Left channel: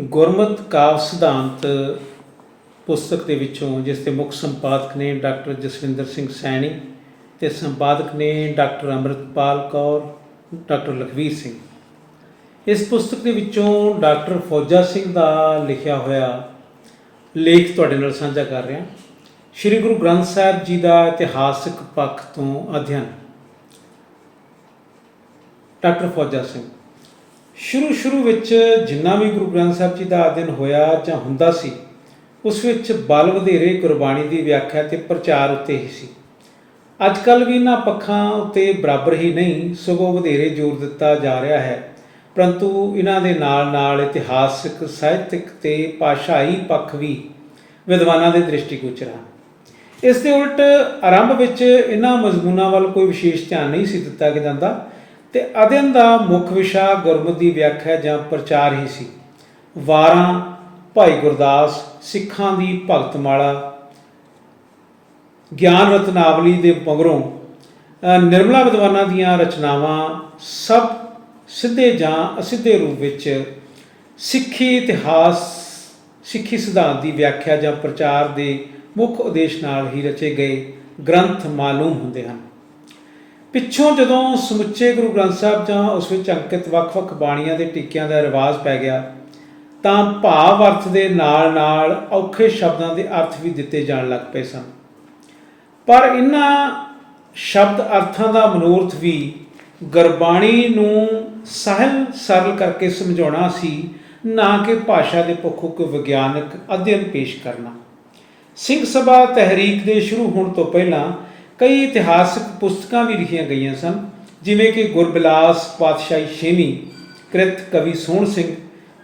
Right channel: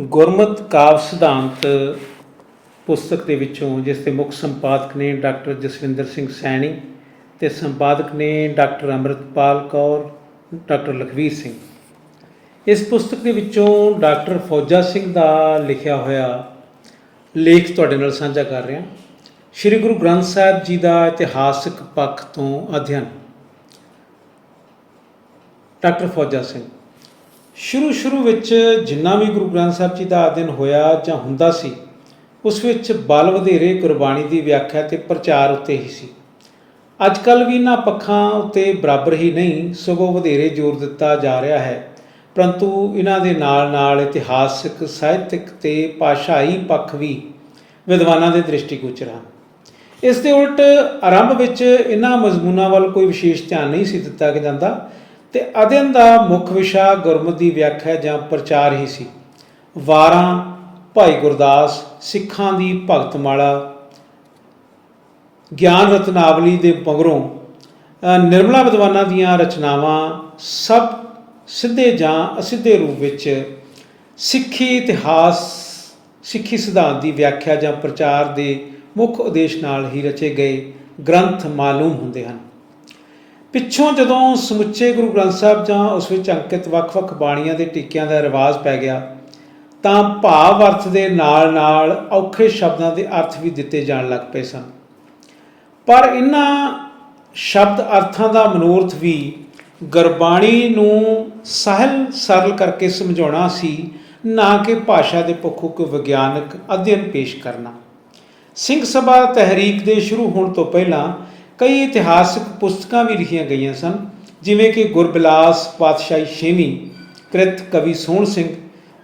ਗੁਰਮਤ ਕਾਵ ਸਿਧਾਂਤ ਪੁਸਤਕ ਦੇ ਵਿੱਚੋਂ, ਜਿਸ ਦੇ ਮੁੱਖ ਸੰਪਾਦਕ ਨੇ ਡਾਕਟਰ ਜਸਵਿੰਦਰ ਸਿੰਘ ਸੈਣੀ ਤੇ ਸੰਪਾਦਕ ਨੇ ਡਾਕਟਰ ਅੰਮ੍ਰਿਤਪਾਲ ਕੌਰ, ਡਾਕਟਰ ਲਖਵੀਰ ਸਿੰਘ। ਇਸ ਪੁਸਤਕ ਦੇ ਵਿੱਚੋਂ ਡਾਕਟਰ ਫੌਜਾ ਸਿੰਘ ਦਾ ਲਿਖਿਆ ਹੋਇਆ ਲੇਖ ਤੁਹਾਡੇ ਨਾਲ ਸਾਂਝਾ ਕਰ ਰਿਹਾ। ਸ੍ਰੀ ਗੁਰੂ ਗ੍ਰੰਥ ਸਾਹਿਬ ਜੀ ਦਾ ਇਤਿਹਾਸਕ ਪੱਖ ਤੋਂ ਅਧਿਐਨ। ਡਾਕਟਰ ਫੌਜਾ ਸਿੰਘ ਸ਼ੁਰੂ ਸ਼ੁਰੂ ਵਿੱਚ ਜਿੰਨਾ ਵੀ ਗੁਰੂ ਗ੍ਰੰਥ ਸਾਹਿਬ ਜੀ ਦਾ ਅਧਿਐਨ ਹੋਇਆ ਜਾਂ ਹੁੰਦਾ ਸੀ, ਉਸ ਵਿੱਚ ਬਲ ਵਧੇਰੇ ਗੁਰਬਾਣੀ ਦੀ ਵਿਆਖਿਆ ਤੇ ਪ੍ਰਚਾਰ ਉੱਤੇ ਹੀ ਸੀ। ਅੱਜ ਕੱਲ ਵੀ ਇਹਨਾਂ ਪੱਖਾਂ ਉੱਤੇ ਬਰਾਬਰ ਹੀ ਨਹੀਂ, ਸਗੋਂ ਵਧੇਰੇ ਜ਼ੋਰ ਦਿੱਤਾ ਜਾ ਰਿਹਾ ਹੈ। ਪਰੰਤੂ ਇਹਨਾਂ ਦੇ ਨਾਲ ਨਾਲ ਇਤਿਹਾਸਿਕ, ਸਾਹਿਤਿਕ ਤੇ ਭਾਸ਼ਾਈ ਪੱਖ ਵੀ ਵਿਦਵਾਨਾਂ ਦੇ ਦ੍ਰਿਸ਼ਟੀਗੋਚਰ ਹਨ ਇਸ ਦੇ ਉਲਟ ਆਰੰਭ ਵਿੱਚ ਇਹਨਾਂ ਮਜ਼ਮੂਨਾਂ ਵੱਲ ਕੋਈ ਵਿਸ਼ੇਸ਼ ਧਿਆਨ ਨਹੀਂ ਸੀ ਦਿੱਤਾ ਜਾਂਦਾ। ਤੇ ਅਧਿਐਨ ਦਾ ਮੁੱਖ ਵਿਸ਼ਾ ਗੁਰਮਤਿ ਦੀ ਵਿਆਖਿਆ ਜਾਂ ਪ੍ਰਚਾਰ ਹੀ ਸੀ। ਵਾਰਾਂ, ਭਾਈ ਗੁਰਦਾਸ, ਸਿੱਖਾਂ ਦੀ ਭਗਤਮਾਲਾ, ਗਿਆਨ ਰਤਨਾਵਲੀ ਦੇ ਮਗਰੋਂ ਨਿਰਮਲਾ ਵਿਦਵਾਨਾਂ ਦੀਆਂ ਰਚਨਾਵਾਂ ਸਭ ਸਿੱਧੇ ਜਾਂ ਅਸਿੱਧੇ ਰੂਪ ਵਿੱਚ ਸਿੱਖੀ ਇਤਿਹਾਸ, ਸਿੱਖੀ ਸਿਧਾਂਤ ਦੀ ਵਿਆਖਿਆ ਜਾਂ ਪ੍ਰਚਾਰ ਦੇ ਮੁੱਖ ਉਦੇਸ਼ ਨਾਲ ਹੀ ਰਚੇ ਗਏ ਗ੍ਰੰਥ ਮਾਲੂਮ ਹੁੰਦੇ ਹਨ। ਪਿੱਛੋਂ ਜਦੋਂ ਸਮੁੱਚੇ ਗੁਰੂ ਗ੍ਰੰਥ ਸਾਹਿਬ ਜਾਂ ਉਸ ਵਿੱਚ ਅੰਕਿਤ ਵੱਖ-ਵੱਖ ਬਾਣੀਆਂ ਦੇ ਟੀਕਿਆਂ ਦਾ ਰਿਵਾਜ ਪੈ ਗਿਆ, ਤਾਂ ਭਾਵ ਅਰਥ ਦੇ ਨਾਲ-ਨਾਲ ਔਖੇ ਸ਼ਬਦਾਂ ਦੇ ਅਰਥ ਵੀ ਦਿੱਤੇ ਜਾਣ ਲੱਗ ਪਏ ਸਨ। ਪਰ ਇਹਨਾਂ ਸ਼ਬਦ ਅਰਥਾਂ ਦਾ ਮਨੋਰਥ ਵੀ ਗੁਰਬਾਣੀ ਨੂੰ ਸਹਿਲ ਸਰਲ ਕਰਕੇ ਸਮਝਾਉਣਾ ਸੀ, ਨਾ ਕਿ ਭਾਸ਼ਾ ਦੇ ਪੱਖੋਂ ਕੋਈ ਵਿਗਿਆਨਕ ਅਧਿਐਨ ਪੇਸ਼ ਕਰਨਾ। ਸਿੰਘ ਸਭਾ ਤਹਿਰੀਕ ਦੇ ਸ਼ੁਰੂ ਹੋਣ ਤੋਂ ਪਹਿਲਾਂ ਕਈ ਇਤਿਹਾਸਕ ਪੁਸਤਕਾਂ ਵੀ ਲਿਖੀਆਂ ਗਈਆਂ ਸਨ, ਜਿਵੇਂ ਕਿ ਗੁਰਬਿਲਾਸ ਪਾਤਸ਼ਾਹੀ ਛੇਵੀਂ, ਕ੍ਰਿਤ ਕਵੀ ਸੋਹਣ ਸਿੰਘ,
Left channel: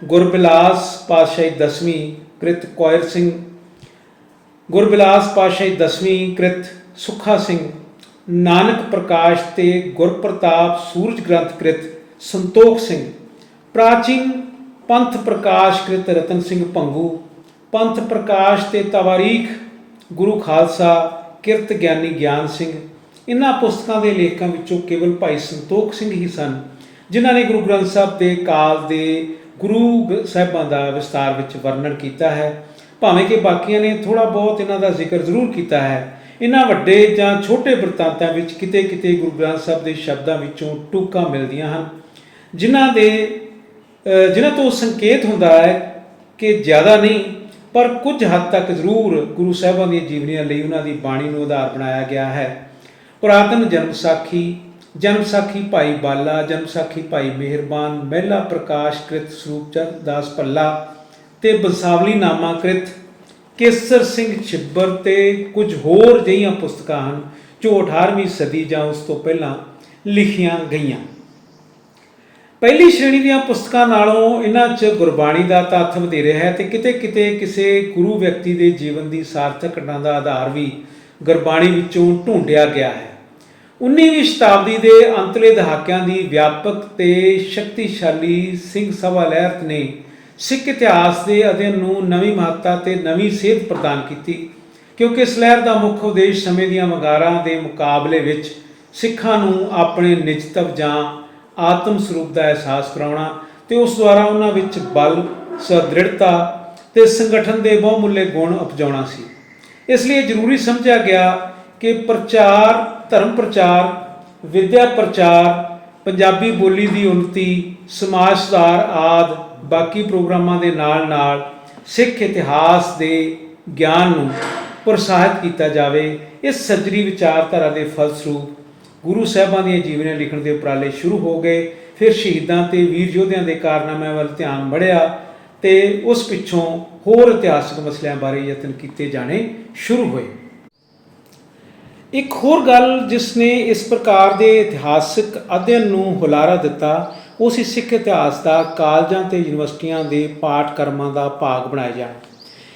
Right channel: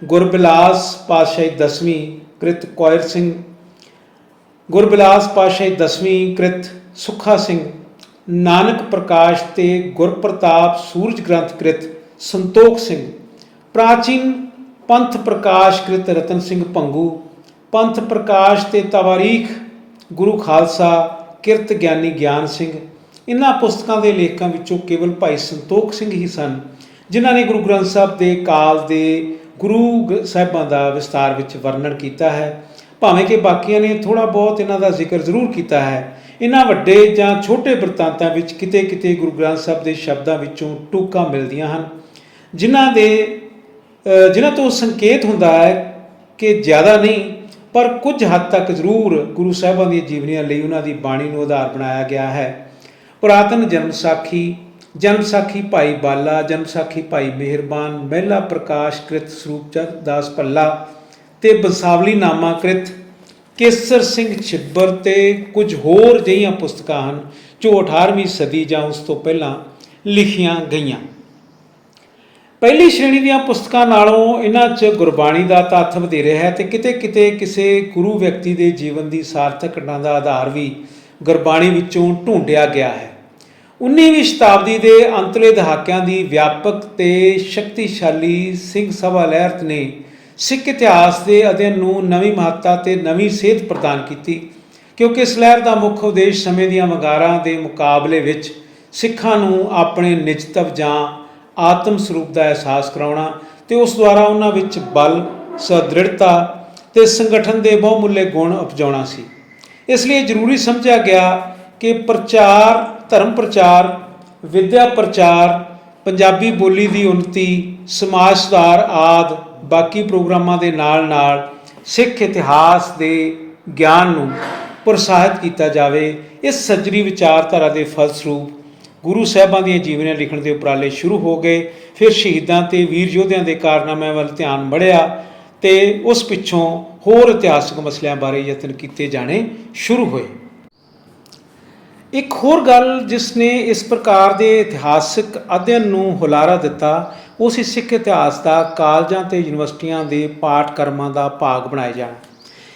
ਗੁਰਬਿਲਾਸ ਪਾਤਸ਼ਾਹੀ ਦਸਵੀਂ, ਕ੍ਰਿਤ ਕੋਇਰ ਸਿੰਘ, ਗੁਰਬਿਲਾਸ ਪਾਤਸ਼ਾਹੀ ਦਸਵੀਂ, ਕ੍ਰਿਤ ਸੁਖਾ ਸਿੰਘ, ਨਾਨਕ ਪ੍ਰਕਾਸ਼ ਤੇ ਗੁਰਪ੍ਰਤਾਪ ਸੂਰਜ ਗ੍ਰੰਥ ਕ੍ਰਿਤ ਸੰਤੋਖ ਸਿੰਘ, ਪ੍ਰਾਚੀਨ ਪੰਥ ਪ੍ਰਕਾਸ਼ ਕ੍ਰਿਤ ਰਤਨ ਸਿੰਘ ਭੰਗੂ, ਪੰਥ ਪ੍ਰਕਾਸ਼ ਤੇ ਤਵਾਰੀਖ ਗੁਰੂ ਖਾਲਸਾ ਕਿਰਤ ਗਿਆਨੀ ਗਿਆਨ ਸਿੰਘ, ਇਨ੍ਹਾਂ ਪੁਸਤਕਾਂ ਦੇ ਲੇਖਕਾਂ ਵਿੱਚੋਂ ਕੇਵਲ ਭਾਈ ਸੰਤੋਖ ਸਿੰਘ ਹੀ ਸਨ, ਜਿਨ੍ਹਾਂ ਨੇ ਗੁਰੂ ਗ੍ਰੰਥ ਸਾਹਿਬ ਦੇ ਕਾਲ ਦੇ ਗੁਰੂ ਗ- ਸਾਹਿਬਾਂ ਦਾ ਵਿਸਤਾਰ ਵਿੱਚ ਵਰਣਨ ਕੀਤਾ ਹੈ। ਭਾਵੇਂ ਕਿ ਬਾਕੀਆਂ ਨੇ ਥੋੜਾ ਬਹੁਤ ਇਹਨਾਂ ਦਾ ਜ਼ਿਕਰ ਜ਼ਰੂਰ ਕੀਤਾ ਹੈ ਇਹਨਾਂ ਵੱਡੇ ਜਾਂ ਛੋਟੇ ਬਰਤਾਂਤਾਂ ਵਿੱਚ ਕਿਤੇ-ਕਿਤੇ ਗੁਰੂ ਗ੍ਰੰਥ ਸਾਹਿਬ ਦੇ ਸ਼ਬਦਾਂ ਵਿੱਚੋਂ ਟੂਕਾਂ ਮਿਲਦੀਆਂ ਹਨ, ਜਿਨ੍ਹਾਂ ਦੇ ਜਿਨ੍ਹਾਂ ਤੋਂ ਸੰਕੇਤ ਹੁੰਦਾ ਹੈ ਕਿ ਜ਼ਿਆਦਾ ਨਹੀਂ ਪਰ ਕੁਝ ਹੱਦ ਤੱਕ ਜ਼ਰੂਰ ਗੁਰੂ ਸਾਹਿਬਾਂ ਦੀਆਂ ਜੀਵਨੀਆਂ ਲਈ ਉਹਨਾਂ ਦੀ ਬਾਣੀ ਨੂੰ ਆਧਾਰ ਬਣਾਇਆ ਗਿਆ ਹੈ। ਪੁਰਾਤਨ ਜਨਮ ਸਾਖੀ ਜਨਮ ਸਾਖੀ ਭਾਈ ਬਾਲਾ, ਜਨਮ ਸਾਖੀ ਭਾਈ ਮਿਹਰਬਾਨ, ਮਹਿਲਾ ਪ੍ਰਕਾਸ਼ ਕ੍ਰਿਤ ਸਰੂਪ ਚੰਦ ਦਾਸ ਭੱਲਾ ਤੇ ਬੰਸਾਵਲੀ ਨਾਮਾ ਕ੍ਰਿਤ, ਕੇਸਰ ਸਿੰਘ ਛਿੱਬਰ ਤੇ ਕੁਝ ਹੋਰ ਜਿਹੀਆਂ ਪੁਸਤਕਾਂ ਹਨ ਜੋ 18ਵੀਂ ਸਦੀ ਜਾਂ ਉਸ ਤੋਂ ਪਹਿਲਾਂ ਲਿਖੀਆਂ ਗਈਆਂ। ਪਹਿਲੀ ਸ਼੍ਰੇਣੀ ਦੀਆਂ ਪੁਸਤਕਾਂ ਨਾਲੋਂ ਇਹਨਾਂ 'ਚ ਗੁਰਬਾਣੀ ਦਾ ਤੱਥ ਵਧੇਰੇ ਹੈ ਤੇ ਕਿਤੇ-ਕਿਤੇ ਕਿਸੇ ਗੁਰੂ ਵਿਅਕਤੀ ਦੇ ਜੀਵਨ ਦੀ ਸਾਰਥਕ ਘਟਨਾ ਦਾ ਆਧਾਰ ਵੀ ਗੁਰਬਾਣੀ ਵਿੱਚੋਂ ਢੂੰਡਿਆ ਗਿਆ ਹੈ। 19ਵੀਂ ਸ਼ਤਾਬਦੀ ਦੇ ਅੰਤਲੇ ਦਹਾਕਿਆਂ ਦੀ ਵਿਆਪਕ ਤੇ ਸ਼ਕਤੀਸ਼ਾਲੀ ਸਿੰਘ ਸਭਾ ਲਹਿਰ ਨੇ ਸਿੱਖ ਇਤਿਹਾਸ ਦੇ ਅਧਿਐਨ ਨੂੰ ਨਵੀਂ ਮਹੱਤਤਾ ਤੇ ਨਵੀਂ ਸੇਧ ਪ੍ਰਦਾਨ ਕੀਤੀ, ਕਿਉਂਕਿ ਇਸ ਲਹਿਰ ਦਾ ਮੁੱਖ ਉਦੇਸ਼ ਸਮੇਂ ਦੀਆਂ ਵਗਾਰਾਂ ਦੇ ਮੁਕਾਬਲੇ ਵਿੱਚ ਸਿੱਖਾਂ ਨੂੰ ਆਪਣੇ ਨਿਜਤਵ ਜਾਂ ਆਤਮ ਸਰੂਪ ਦਾ ਅਹਿਸਾਸ ਕਰਾਉਣਾ ਤੇ ਉਸ ਦੁਆਰਾ ਉਹਨਾਂ ਵਿੱਚ ਬਲ, ਸਦ੍ਰਿੜਤਾ ਤੇ ਸੰਗਠਨ ਦੇ ਬਹੁਮੁੱਲੇ ਗੁਣ ਉਪਜਾਉਣਾ ਸੀ। ਇਸ ਲਈ ਜ਼ਰੂਰੀ ਸਮਝਿਆ ਗਿਆ ਕਿ ਪ੍ਰਚਾਰ, ਧਰਮ ਪ੍ਰਚਾਰ, ਵਿਦਿਆ ਪ੍ਰਚਾਰ, ਪੰਜਾਬੀ ਬੋਲੀ ਦੀ ਉન્નਤੀ ਸਮਾਜ ਸੁਧਾਰ ਆਦ ਬਾਕੀ ਪ੍ਰੋਗਰਾਮਾਂ ਦੇ ਨਾਲ-ਨਾਲ ਸਿੱਖ ਇਤਿਹਾਸ ਦੇ ਗਿਆਨ ਨੂੰ ਪ੍ਰੋਤਸਾਹਿਤ ਕੀਤਾ ਜਾਵੇ, ਇਸ ਸੱਜਰੀ ਵਿਚਾਰਧਾਰਾ ਦੇ ਫਲਸਰੂਪ ਗੁਰੂ ਸਾਹਿਬਾਂ ਦੀਆਂ ਜੀਵਨੀਆਂ ਲਿਖਣ ਦੇ ਉਪਰਾਲੇ ਸ਼ੁਰੂ ਹੋ ਗਏ। ਫਿਰ ਸ਼ਹੀਦਾਂ ਤੇ ਵੀਰ ਯੋਧਿਆਂ ਦੇ ਕਾਰਨਾਮਿਆਂ ਵੱਲ ਧਿਆਨ ਮੜਿਆ ਤੇ ਉਸ ਪਿੱਛੋਂ ਹੋਰ ਇਤਿਹਾਸਕ ਮਸਲਿਆਂ ਬਾਰੇ ਯਤਨ ਕੀਤੇ ਜਾਣੇ ਸ਼ੁਰੂ ਹੋਏ। ਇੱਕ ਹੋਰ ਗੱਲ ਜਿਸ ਨੇ ਇਸ ਪ੍ਰਕਾਰ ਦੇ ਇਤਿਹਾਸਕ ਅਧਿਐਨ ਨੂੰ ਹੁਲਾਰਾ ਦਿੱਤਾ, ਉਹ ਸੀ ਸਿੱਖ ਇਤਿਹਾਸ ਦਾ ਕਾਲਜਾਂ ਤੇ ਯੂਨੀਵਰਸਿਟੀਆਂ ਦੇ ਪਾਠਕ੍ਰਮਾਂ ਦਾ ਭਾਗ ਬਣਾਏ ਜਾਣ।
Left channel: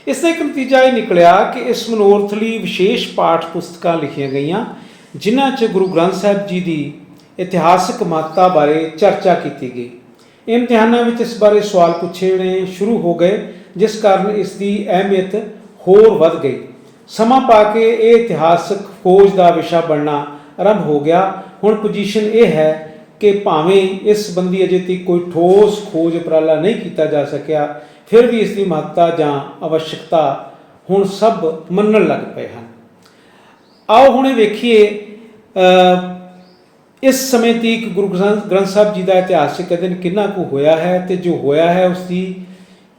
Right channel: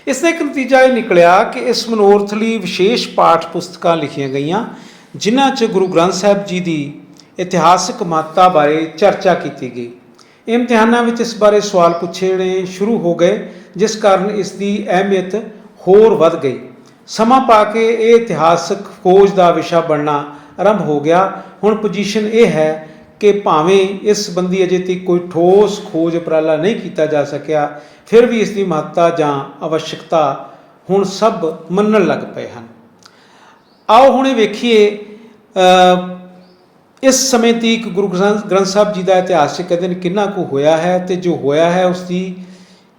ਇਸ ਦਾ ਇੱਕ ਨਤੀਜਾ ਇਹ ਨਿਕਲਿਆ ਕਿ ਇਸ ਮਨੋਰਥ ਲਈ ਵਿਸ਼ੇਸ਼ ਪਾਠ ਪੁਸਤਕਾਂ ਲਿਖੀਆਂ ਗਈਆਂ ਜਿਨ੍ਹਾਂ 'ਚ ਗੁਰੂ ਗ੍ਰੰਥ ਸਾਹਿਬ ਜੀ ਦੀ ਇਤਿਹਾਸਕ ਮਹੱਤਤਾ ਬਾਰੇ ਚਰਚਾ ਕੀਤੀ ਗਈ। ਇਮਤਿਹਾਨਾਂ ਵਿੱਚ ਇਸ ਬਾਰੇ ਸਵਾਲ ਪੁੱਛਣੇ ਸ਼ੁਰੂ ਹੋ ਗਏ, ਜਿਸ ਕਾਰਨ ਇਸ ਦੀ ਅਹਿਮੀਅਤ ਹੋਰ ਵੱਧ ਗਈ। ਸਮਾਂ ਪਾ ਕੇ ਇਹ ਇਤਿਹਾਸਕ ਖੋਜ ਦਾ ਵਿਸ਼ਾ ਬਣਨਾ ਆਰੰਭ ਹੋ ਗਿਆ। ਹੁਣ ਪੋਜੀਸ਼ਨ ਇਹ ਹੈ ਕਿ ਭਾਵੇਂ ਇਸ ਸੰਬੰਧੀ ਅਜੇ ਤੱਕ ਕੋਈ ਠੋਸ ਖੋਜ ਉਪਰਾਲਾ ਨਹੀਂ ਕੀਤਾ ਜਾ ਸਕਿਆ, ਫਿਰ ਵੀ ਇਸ ਦੀ ਮਹੱਤਤਾ ਜਾਂ ਆਵਸ਼ਕਤਾ ਹੁਣ ਸਭ ਮੰਨਣ ਲੱਗ ਪਏ ਹਨ। ਆਓ ਹੁਣੇ ਵੇਖੀਏ ਇਸ ਸਮੇਂ ਤੀਕ ਗੁਰੂ ਗ੍ਰੰਥ ਗ੍ਰੰਥ ਸਾਹਿਬ ਜੀ ਦਾ ਇਤਿਹਾਸਿਕ ਅਧਿਨ ਕਿੰਨਾ ਕੁ ਹੋਇਆ ਹੈ ਤੇ ਜੋ ਹੋਇਆ ਹੈ ਉਸ ਦੀ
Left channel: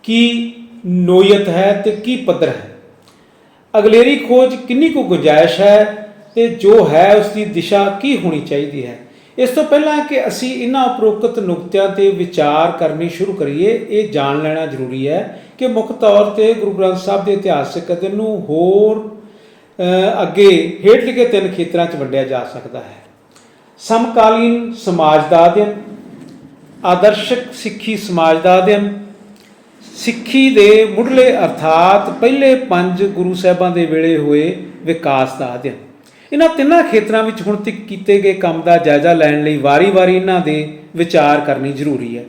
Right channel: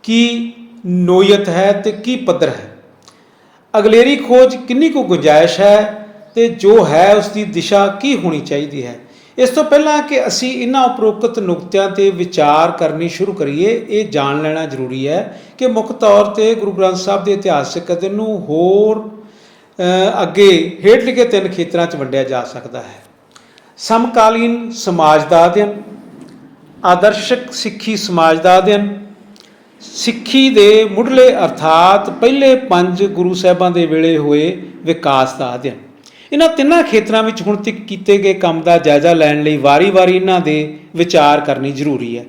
ਕੀ ਨੋਇਤ ਹੈ ਤੇ ਕੀ ਪੱਧਰ ਹੈ? ਅਗਲੇਰੀ ਖੋਜ ਕਿੰਨੀ ਕੁ ਗੁੰਜਾਇਸ਼ ਹੈ ਤੇ ਜੋ ਹੈ ਉਸ ਦੀ ਦਿਸ਼ਾ ਕੀ ਹੋਣੀ ਚਾਹੀਦੀ ਹੈ? ਇਸ ਤੋਂ ਪਹਿਲਾਂ ਕਿ ਅਸੀਂ ਇਹਨਾਂ ਉਪਰੋਕਤ ਨੁਕਤਿਆਂ ਤੇ ਵਿਚਾਰ ਕਰਨੀ ਸ਼ੁਰੂ ਕਰੀਏ, ਇਹ ਜਾਣ ਲੈਣਾ ਜ਼ਰੂਰੀ ਹੈ ਕਿ ਮੁੱਖ ਤੌਰ ਤੇ ਗੁਰੂ ਗ੍ਰੰਥ ਸਾਹਿਬ ਦੇ ਇਤਿਹਾਸਿਕ ਅਧਿਨ ਨੂੰ ਹੋਰ ਅੱਗੇ ਹੇਠ ਲਿਖੇ ਤਿੰਨ ਖੇਤਰਾਂ 'ਚ ਵੰਡਿਆ ਜਾ ਸਕਦਾ ਹੈ। ਸਮਕਾਲੀਨ ਸਮਾਜ ਦਾ ਅਧਿਐਨ, ਆਦਰਸ਼ਕ ਸਿੱਖੀ ਸਮਾਜ ਦਾ ਅਧਿਐਨ, ਸਿੱਖੀ ਦੇ ਮੁੱਢਲੇ ਅਰਥਾਤ ਪਹਿਲੇ ਪੰਜ ਗੁਰੂ ਸਾਹਿਬਾਂ ਦੇ ਵੇਲੇ ਹੋਏ ਵਿਕਾਸ ਦਾ ਅਧਿਐਨ। ਇਹਨਾਂ ਤਿੰਨਾਂ ਖੇਤਰਾਂ ਵਿੱਚ ਹੁਣ ਤੱਕ ਕੀਤੇ ਗਏ ਕੰਮ ਦਾ ਜਾਇਜ਼ਾ ਲੈਣ ਲਈ ਵਾਰੀ-ਵਾਰੀ ਇਹਨਾਂ ਦੇ ਵਿਚਾਰ ਕਰਨੀ ਜ਼ਰੂਰੀ ਹੈ।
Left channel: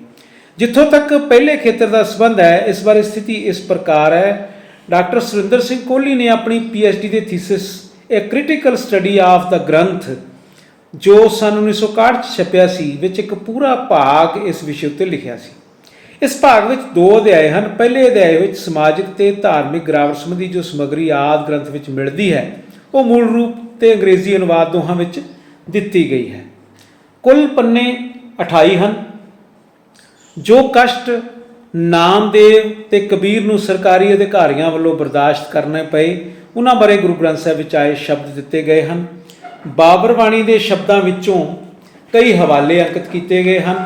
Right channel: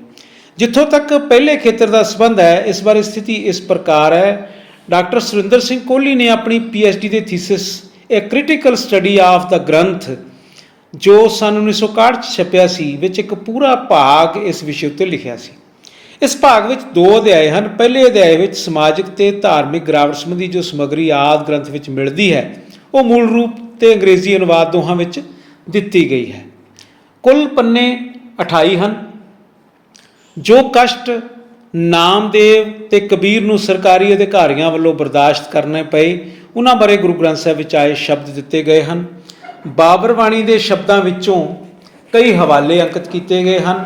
ਜਿੱਥੋਂ ਤੱਕ ਪਹਿਲੇ ਖੇਤਰ ਦਾ ਸੰਬੰਧ ਹੈ, ਇਸ ਬਾਰੇ ਸਥਿਤੀ ਇਸ ਪ੍ਰਕਾਰ ਹੈ ਡਾਕਟਰ ਸੁਰਿੰਦਰ ਸਿੰਘ ਕੋਹਲੀ ਨੇ ਆਪਣੀ ਪੀਐਚਡੀ ਦੇ thesis a critical study of ਦਾ ਗ੍ਰੰਥ, ਜੋ ਸਨ 1961 ਚ ਛਪਿਆ ਸੀ, ਵਿੱਚ ਇੱਕ ਪੂਰਾ ਭਾਗ ਇਸ ਵਿਸ਼ੇ ਉੱਤੇ ਲਿਖਿਆ ਸੀ। ਇਸ ਭਾਗ ਵਿੱਚ ਦੋ ਅਧਿਆਏ ਹਨ। ਪਹਿਲੇ ਅਧਿਆਏ ਵਿੱਚ ਸਮਾਜਿਕ ਤੇ ਧਾਰਮਿਕ ਗ੍ਰਾਮਰ ਸੰਬੰਧੀ ਜੋ ਸਮੱਗਰੀ ਆਦ ਗ੍ਰੰਥ ਵਿੱਚ ਮਿਲਦੀ ਹੈ, ਉਹ ਮੂਲ ਰੂਪ ਤੇ ਅੰਗਰੇਜ਼ੀ ਅਨੁਵਾਦ ਦੋਹਾਂ ਵਿੱਚ ਦਿੱਤੀ ਗਈ ਹੈ। ਕੁੱਲ ਪੰਨੇ 28 ਹਨ, ਜੋ ਕਸ਼ਟ ਨਾਮਦੇਵ ਤੇ ਕਬੀਰ ਨੂੰ ਸਰਕਾਰੀ ਅਧਿਕਾਰੀਆਂ ਵੱਲੋਂ ਬਰਦਾਸ਼ਤ ਕਰਨੇ ਪਏ ਉਹਨਾਂ ਬਾਰੇ ਗੁਰੂ ਗ੍ਰੰਥ ਸਾਹਿਬ ਵਿੱਚ ਆਏ ਸ਼ਬਦ ਦਿੱਤੇ ਗਏ ਹਨ। ਬਾਬਰ ਬਾਣੀ ਦੇ ਸ਼ਬਦਾਂ ਵਿੱਚੋਂ ਕਈ ਹਵਾਲੇ ਅੰਕਿਤ ਕੀਤੇ ਗਏ ਹਨ।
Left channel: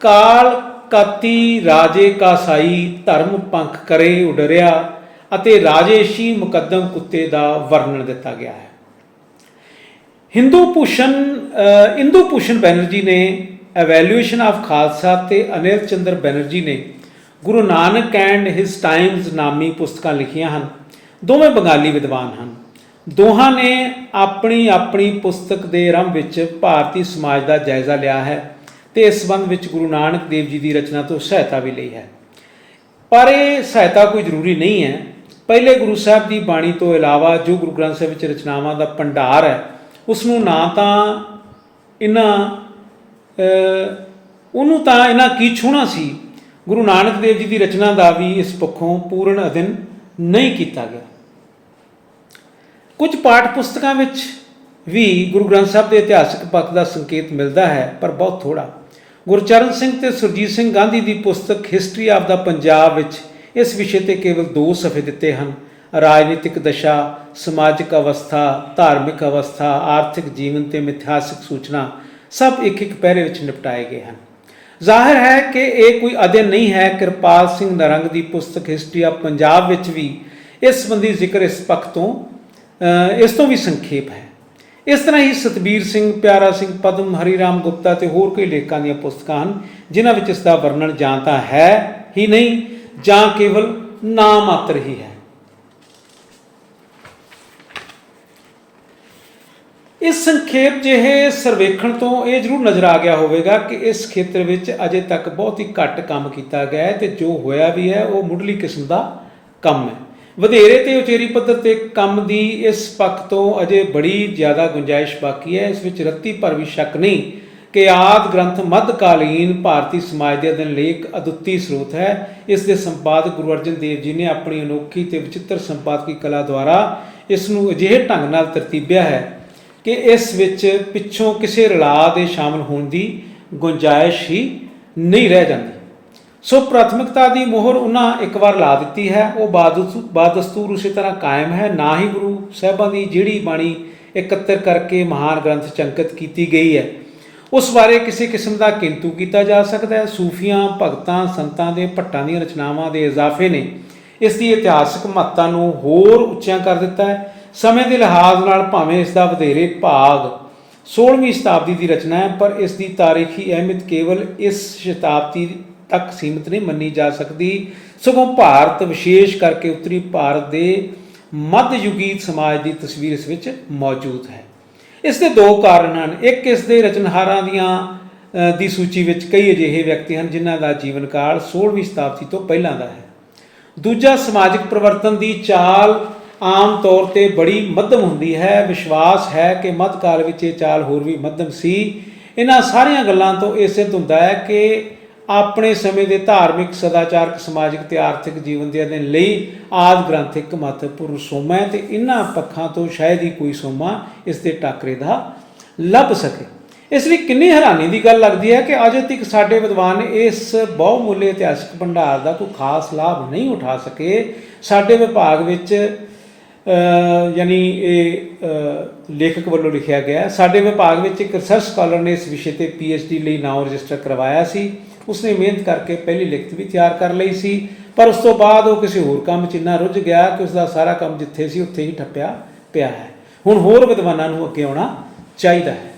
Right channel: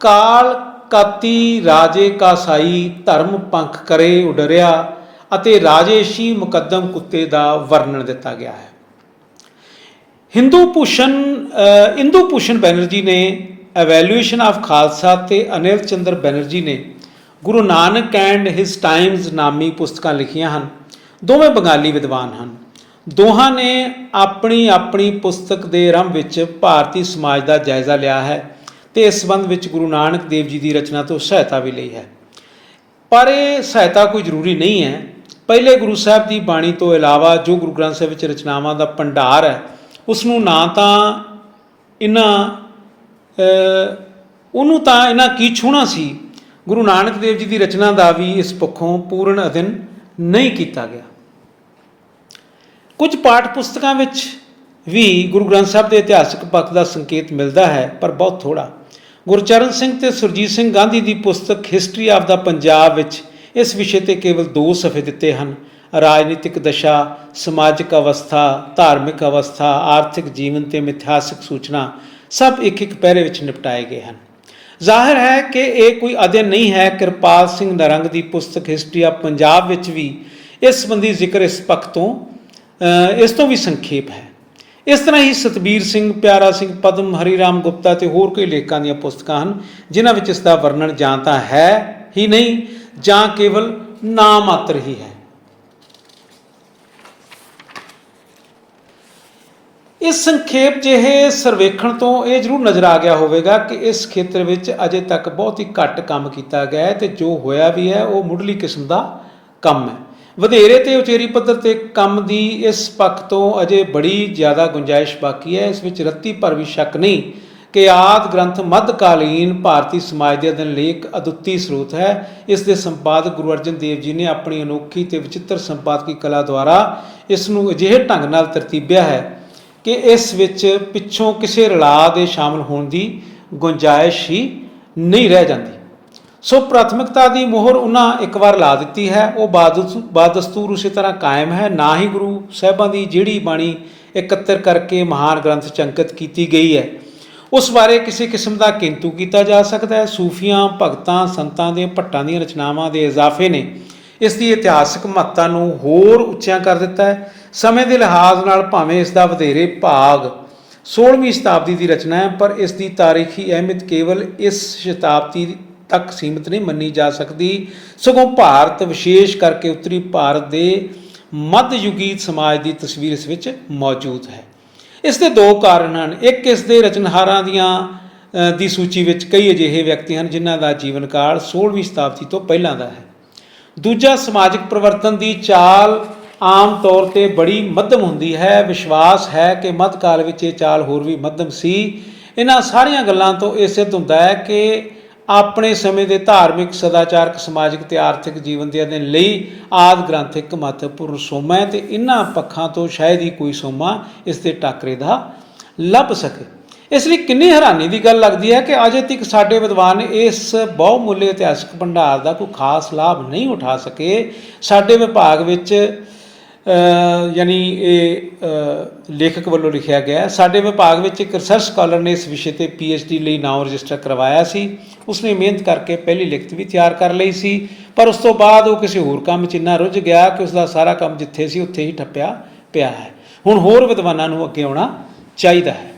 ਕਾਲ ਕਾਤੀ ਰਾਜੇ ਕਾਸਾਈ ਧਰਮ ਪੰਖ ਕਰੇ ਉਡਰਿਆ ਅਤੇ ਰਾਜੇਸ਼ੀ ਮੁਕੱਦਮ ਕੁੱਤੇ ਦਾ ਵਰਣਨ ਦਿੱਤਾ ਗਿਆ ਹੈ। ਹਿੰਦੂ ਭੂਸ਼ਣ ਇੰਦੂ ਭੂਸ਼ਣ ਬੈਨਰਜੀ ਨੇ ਐਵੈਲੂਏਸ਼ਨ ਆਫ ਖਾਲਸਾ ਤੇ ਅਨਿਲ ਚੰਦਰ ਬੈਨਰਜੀ ਨੇ Guru Nanak and his times ਨਾਮੀ ਪੁਸਤਕਾਂ ਲਿਖੀਆਂ ਹਨ। ਦੋਵੇਂ ਬੰਗਾਲੀ ਵਿਦਵਾਨ ਹਨ। ਦੋਹਾਂ ਨੇ ਆਪਣੀ ਆਪਣੀ ਪੁਸਤਕ ਦੇ ਆਰੰਭ ਵਿੱਚ ਭਾਰਤੀ ਸਮਾਜ ਦਾ ਜਾਇਜ਼ਾ ਲਿਆ ਹੈ ਤੇ ਇਸ ਸੰਬੰਧ ਵਿੱਚ ਗੁਰੂ ਨਾਨਕ ਦੇਵ ਜੀ ਦੀ ਰਚਨਾ ਤੋਂ ਸਹਾਇਤਾ ਵੀ ਲਈ ਹੈ। ਪਰ ਇਹ ਸਹਾਇਤਾ ਕੋਈ ਜ਼ਰੂਰੀ ਨਹੀਂ ਹੈ। ਪਹਿਲੇ ਗੁਰੂ ਸਾਹਿਬ ਦੀ ਬਾਣੀ ਤੋਂ ਇਲਾਵਾ ਜੋ ਗੁਰੂ ਗ੍ਰੰਥ ਸਾਹਿਬ ਵਿੱਚ ਰਚਨਾਵਾਂ ਦਾ ਭੰਡਾਰ ਹੈ ਉਸ ਨੂੰ ਨਾ ਤਾਂ ਇਹਨਾਂ ਉਹਨੂੰ ਤਾਂ ਇਹਨਾਂ ਕੀ ਛੂਣਾ ਸੀ? ਗੁਰੂ ਨਾਨਕ ਦੇਵ ਜੀ ਦੀ ਰਚਨਾ ਦਾ ਵੀ ਇਸ ਪੱਖੋਂ ਪੂਰਨ ਅਧਿਨ ਨਹੀਂ ਕੀਤਾ ਗਿਆ। ਕੁਝ ਪਾਠ ਪੁਸਤਕਾਂ ਵਿੱਚ ਵੀ ਗੁਰੂ ਗ੍ਰੰਥ ਸਾਹਿਬ ਦੇ ਇਤਿਹਾਸਕ ਪੱਖ ਦਾ ਸੰਕੇਤ ਮਿਲਦਾ ਹੈ, ਪਰ ਬਹੁਤ ਥੋੜਾ ਗੁਰਚਰਨ ਸਿੰਘ ਤੇ ਸੁਰਜੀਤ ਸਿੰਘ ਗਾਂਧੀ ਦੀ ਪੁਸਤਕ ਹਿਸਟਰੀ ਆਫ ਦਾ ਪੰਜਾਬ ਵਿੱਚ ਇਸ ਵਿਸ਼ੇ ਤੇ ਕੇਵਲ ਦੋ ਸਫ਼ੇ ਦਿੱਤੇ ਹਨ। ਰਾਜਨੀਤਿਕ ਦਸ਼ਾ, ਸਮਾਜਿਕ ਅਵਸਥਾ, ਧਾਰਮਿਕ ਅਵਸਥਾ, ਆਰਥਿਕ ਜੀਵਨ ਤੇ ਮਿਥਿਹਾਸਿਕ ਸੂਚਨਾ ਸਭ ਇੱਕ ਇੱਕ ਪਹਿਰੇ ਵਿੱਚ ਨਿਪਟਾਏ ਗਏ ਹਨ। ਜ਼ਾਹਿਰ ਹੈ ਕਿ ਇਹ ਕੋਈ ਅਧਿਐਨ ਨਹੀਂ ਹੈ। ਕਿਰਪਾਲ ਸਿੰਘ ਨਰੰਗ ਦੀ ਪੁਸਤਕ ਹਿਸਟਰੀ ਆਫ ਪੰਜਾਬ ਵਿੱਚ ਵੀ ਇਸ ਸੰਬੰਧੀ ਜ਼ਿਕਰ ਇਸ ਪੱਖ ਤੋਂ ਇਸ ਤੋਂ ਵੀ ਸੰਖੇਪ ਹੈ। ਇਸ ਤਰ੍ਹਾਂ ਹੀ ਸਤਬੀਰ ਸਿੰਘ, ਪਿਆਰਾ ਸਿੰਘ, ਪਦਮ ਹਰੀ ਰਾਮ ਗੁਪਤਾ ਤੇ ਹੋਰ ਕਈ ਲੇਖਕਾਂ ਦੀਆਂ ਪੁਸਤਕਾਂ ਹਨ, ਜਿਨ੍ਹਾਂ ਵਿੱਚ ਇਸ ਦਾ ਵਰਣਨ ਜਾਂ ਤਾਂ ਹੈ ਹੀ ਨਹੀਂ ਜਾਂ ਕੇਵਲ ਨਾਮ ਮਾਤਰ ਹੀ ਹੈ। ਇਸ ਸੰਖੇਪ ਜਿਹੇ ਸਰਵੇਖਣ ਤੋਂ ਇਹ ਜ਼ਰੂਰ ਨਜ਼ਰ ਆ ਗਿਆ ਹੋਵੇਗਾ ਕਿ ਇਸ ਖੇਤਰ ਵਿੱਚ ਅਜੇ ਤੱਕ ਬਹੁਤ ਹੀ ਘੱਟ ਕੰਮ ਕੀਤਾ ਗਿਆ ਹੈ ਤੇ ਜੋ ਹੋਇਆ ਵੀ ਹੈ, ਉਹ ਮੁੱਢਲੀ ਕਿਸਮ ਦਾ ਕੰਮ ਹੈ। ਵਧੇਰੇ ਤੇ ਉਚੇਰੀ ਪੱਧਰ ਤੇ ਕੰਮ ਦੀ ਇਸ ਪੱਖ ਤੋਂ ਅਜੇ ਬੜੀ ਜ਼ਿਆਦਾ ਗੁੰਜਾਇਸ਼ ਬਾਕੀ ਹੈ। ਇਸ ਵਿੱਚ ਰੱਤੀ ਭਰ ਵੀ ਸ਼ੱਕ ਨਹੀਂ ਕਿ ਆਦ ਗ੍ਰੰਥ ਮੱਧਕਾਲੀਨ ਭਾਰਤੀ ਸਮਾਜ ਦੇ ਅਧਿਨ ਲੇਖ ਅਦੁੱਤੀ ਸਰੋਤ ਹੈ। ਇਸ ਦੇ ਸੰਪਾਦਕ ਗੁਰੂ ਅਰਜਨ ਦੇਵ ਜੀ ਨੇ ਆਪਣੀ ਅਨੋਖੀ ਤੇ ਵਿਚਿੱਤਰ ਸੰਪਾਦਕੀ ਕਲਾ ਦੁਆਰਾ ਇਸ ਨੂੰ ਅਜਿਹੇ ਢੰਗ ਨਾਲ ਤਰਤੀਬਿਆ ਹੈ ਕਿ ਇਸ ਵਿੱਚ ਪਿੱਛੋਂ ਕਿਸੇ ਰਲਾ ਦੇ ਸ਼ਾਮਲ ਹੋਣ ਦੀ ਗੁੰਜਾਇਸ਼ ਹੀ ਨਹੀਂ ਰਹਿ ਜਾਂਦੀ। ਸੋ ਪ੍ਰਾਥਮਿਕਤਾ ਦੀ ਮੋਹਰ ਉਹਨਾਂ ਇੱਕ ਵਾਰ ਲਾ ਦਿੱਤੀ ਹੈ। ਉਹ ਬਾਦਸ- ਬਾਦਸਤੂਰ ਉਸੇ ਤਰ੍ਹਾਂ ਕਾਇਮ ਹੈ। ਨਾ ਹੀ ਗੁਰੂ ਸਾਹਿਬਾਂ ਦੀ ਜਿਹੜੀ ਬਾਣੀ ਇਕੱਤਰ ਕਰਕੇ ਮਹਾਨ ਗ੍ਰੰਥ ਚੰਕਿਤ ਕੀਤੀ ਗਈ ਹੈ। ਉਸ ਬਾਰੇ ਕਿਸੇ ਕਿਸਮ ਦਾ ਕਿੰਤੂ ਕੀਤਾ ਜਾ ਸਕਦਾ ਹੈ। ਸੂਫੀਆਂ, ਭਗਤਾਂ, ਸੰਤਾਂ ਦੇ ਭੱਟਾਂ ਦੀਆਂ ਰਚਨਾਵਾਂ ਦੇ ਇਜ਼ਾਫੇ ਨੇ। ਇਸ ਦੀ ਇਤਿਹਾਸਕ ਮਹੱਤਤਾ ਨੂੰ ਹੋਰ ਉੱਚਾ ਕਰ ਦਿੱਤਾ ਹੈ। ਸਮੇਂ ਦੇ ਲਿਹਾਜ਼ ਨਾਲ ਭਾਵੇਂ ਇਸ ਦਾ ਵਧੇਰੇ ਭਾਗ 16ਵੀਂ ਸ਼ਤਾਬਦੀ ਦੀ ਰਚਨਾ ਹੈ, ਪਰ ਇਸ ਦੀ ਤਾਰੀਖੀ ਅਹਿਮੀਅਤ ਕੇਵਲ ਇਸ ਸ਼ਤਾਬਦੀ ਤੱਕ ਸੀਮਿਤ ਨਹੀਂ ਮੰਨੀ ਜਾ ਸਕਦੀ। ਸਗੋਂ ਭਾਰਤ ਵਿਸ਼ੇਸ਼ ਕਰਕੇ ਉੱਤਰੀ ਭਾਰਤ ਦੇ ਮੱਧਯੁਗੀ ਸਮਾਜ ਦੀ ਤਸਵੀਰ ਇਸ ਵਿੱਚ ਮੌਜੂਦ ਹੈ। ਇਸ ਦੇ ਦੋ ਕਾਰਨ ਹਨ। ਇੱਕ, ਇਸ ਦੇ ਰਚਨਹਾਰਾਂ ਦੀਆਂ ਦੀ ਸੂਚੀ ਵਿੱਚ ਕਈ ਅਜਿਹੇ ਵਿਅਕਤੀ ਹਨ ਜਿਨ੍ਹਾਂ ਦਾ ਜੀਵਨ ਕਾਲ 16ਵੀਂ ਸ਼ਤਾਬਦੀ ਤੋਂ ਪਹਿਲਾਂ ਦਾ ਹੈ। ਦੂਜਾ, ਸਮਾਜਿਕ ਪਰਿਵਰਤਨ ਦੀ ਚਾਲ ਆਮ ਤੌਰ ਤੇ ਬੜੀ ਮੱਧਮ ਹੁੰਦੀ ਹੈ। ਵਿਸ਼ਵਾਸ ਹੈ ਕਿ ਮੱਧਕਾਲ ਵਿੱਚ ਇਹ ਚਾਲ ਹੋਰ ਵੀ ਮੱਧਮ ਸੀ। ਇਹਨਾਂ ਸਾਰੀਆਂ ਗੱਲਾਂ ਤੋਂ ਇਹ ਸਿੱਧ ਹੁੰਦਾ ਹੈ ਕਿ ਆਪਣੇ ਸਮੇਂ ਦੇ ਧਾਰਮਿਕ, ਸਦਾਚਾਰਕ, ਸਮਾਜਿਕ ਤੇ ਆਰਥਿਕ ਜੀਵਨ ਦੇ ਅਧਿਐਨ ਲਈ ਆਦ ਗ੍ਰੰਥ ਇੱਕ ਮਹੱਤਵਪੂਰਨ ਸੋਮਾ ਹੈ ਤੇ ਇਹਨਾਂ ਪੱਖਾਂ ਤੋਂ ਸ਼ਾਇਦ ਹੀ ਕੋਈ ਸੋਮਾ ਇਸ ਦੇ ਟਾਕਰੇ ਦਾ ਲੱਭ ਸਕੇ। ਇਸ ਲਈ ਕਿੰਨੀ ਹੈਰਾਨੀ ਦੀ ਗੱਲ ਲੱਗਦੀ ਹੈ ਕਿ ਅਜੇ ਤੱਕ ਸਾਡੇ ਵਿਦਵਾਨ ਇਸ ਬਹੁਮੁੱਲੇ ਇਤਿਹਾਸਕ ਭੰਡਾਰ ਦਾ ਕੋਈ ਖਾਸ ਲਾਭ ਨਹੀਂ ਉਠਾ ਸਕੇ। ਸਾਡੇ ਵਿਭਾਗ ਵਿੱਚ ਯਾਨੀ ਇਹ ਲੇਖਕ ਵੱਲੋਂ ਲਿਖਿਆ ਗਿਆ ਸਾਡੇ ਵਿਭਾਗ ਵਿੱਚ ਇੱਕ ਰਿਸਰਚ ਸਕਾਲਰ ਨੇ ਇਸ ਵਿਸ਼ੇ ਤੇ ਡੀ ਲਈ ਨਾਮ ਰਜਿਸਟਰ ਕਰਵਾਇਆ ਸੀ। ਉਸਨੇ ਮਿਹਨਤ ਕਰਕੇ ਪਹਿਲੀ ਲਿਖਤ ਵੀ ਤਿਆਰ ਕਰ ਲਈ ਸੀ। ਪਰ ਉਸ ਤੋਂ ਬਾਅਦ ਉਹ ਕਿਸੇ ਹੋਰ ਕੰਮ 'ਚ ਇੰਨਾ ਰੁੱਝ ਗਿਆ ਕਿ ਉਸ ਦਾ ਸਾਰਾ ਕੰਮ ਜਿੱਥੇ ਸੀ, ਉੱਥੇ ਹੀ ਠੱਪਿਆ ਪਿਆ ਹੈ। ਹੁਣ ਹੋਰ ਵਿਦਵਾਨਾਂ ਨੂੰ ਅੱਗੇ ਆਉਣਾ ਚਾਹੀਦਾ ਹੈ।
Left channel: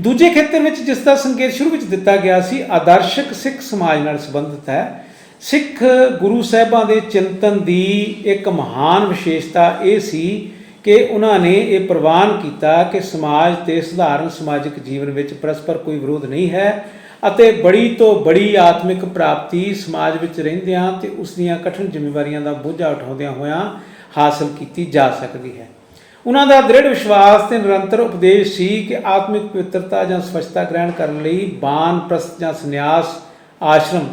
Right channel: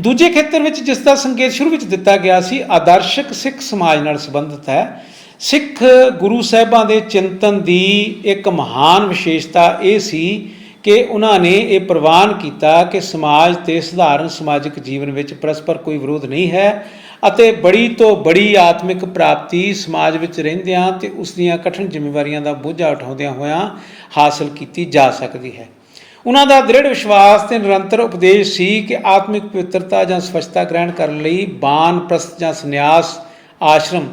ਦੂਜੇ ਖੇਤਰ ਵਿੱਚ ਜਿਸ ਦਾ ਸੰਕੇਤ ਸ਼ੁਰੂ ਵਿੱਚ ਦਿੱਤਾ ਗਿਆ ਸੀ, ਆਦਰਸ਼ਕ ਸਿੱਖ ਸਮਾਜ ਨਾਲ ਸੰਬੰਧਿਤ ਹੈ। ਸਿੱਖ ਗੁਰੂ ਸਾਹਿਬਾਂ ਦੇ ਚਿੰਤਨ ਦੀ ਇੱਕ ਮਹਾਨ ਵਿਸ਼ੇਸ਼ਤਾ ਇਹ ਸੀ ਕਿ ਉਹਨਾਂ ਨੇ ਇਹ ਪ੍ਰਵਾਨ ਕੀਤਾ ਕਿ ਸਮਾਜ ਤੇ ਸਧਾਰਨ ਸਮਾਜਿਕ ਜੀਵਨ ਵਿੱਚ ਪਰਸਪਰ ਕੋਈ ਵਿਰੋਧ ਨਹੀਂ ਹੈ ਅਤੇ ਬੜੀ ਤੋਂ ਬੜੀ ਆਤਮਿਕ ਪ੍ਰਾਪਤੀ ਸਮਾਜ ਵਿੱਚ ਰਹਿੰਦਿਆਂ ਤੇ ਉਸ ਦੀਆਂ ਕਠਿਨ ਜ਼ਿੰਮੇਵਾਰੀਆਂ ਦਾ ਬੋਝਾ ਉਠਾਉਂਦਿਆਂ ਹੋਇਆਂ ਹਾਸਲ ਕੀਤੀ ਜਾ ਸਕਦੀ ਹੈ। ਉਹਨਾਂ ਦਾ ਦ੍ਰਿੜ ਵਿਸ਼ਵਾਸ ਤੇ ਨਿਰੰਤਰ ਉਪਦੇਸ਼ ਸੀ ਕਿ ਆਤਮਿਕ ਪਵਿੱਤਰਤਾ ਜਾਂ ਸਵੱਛਤਾ ਗ੍ਰਹਿਣ ਕਰਨ ਲਈ ਬਾਨ, ਪ੍ਰਸਤ ਜਾਂ ਸੰਨਿਆਸ ਆਸ਼ਰਮ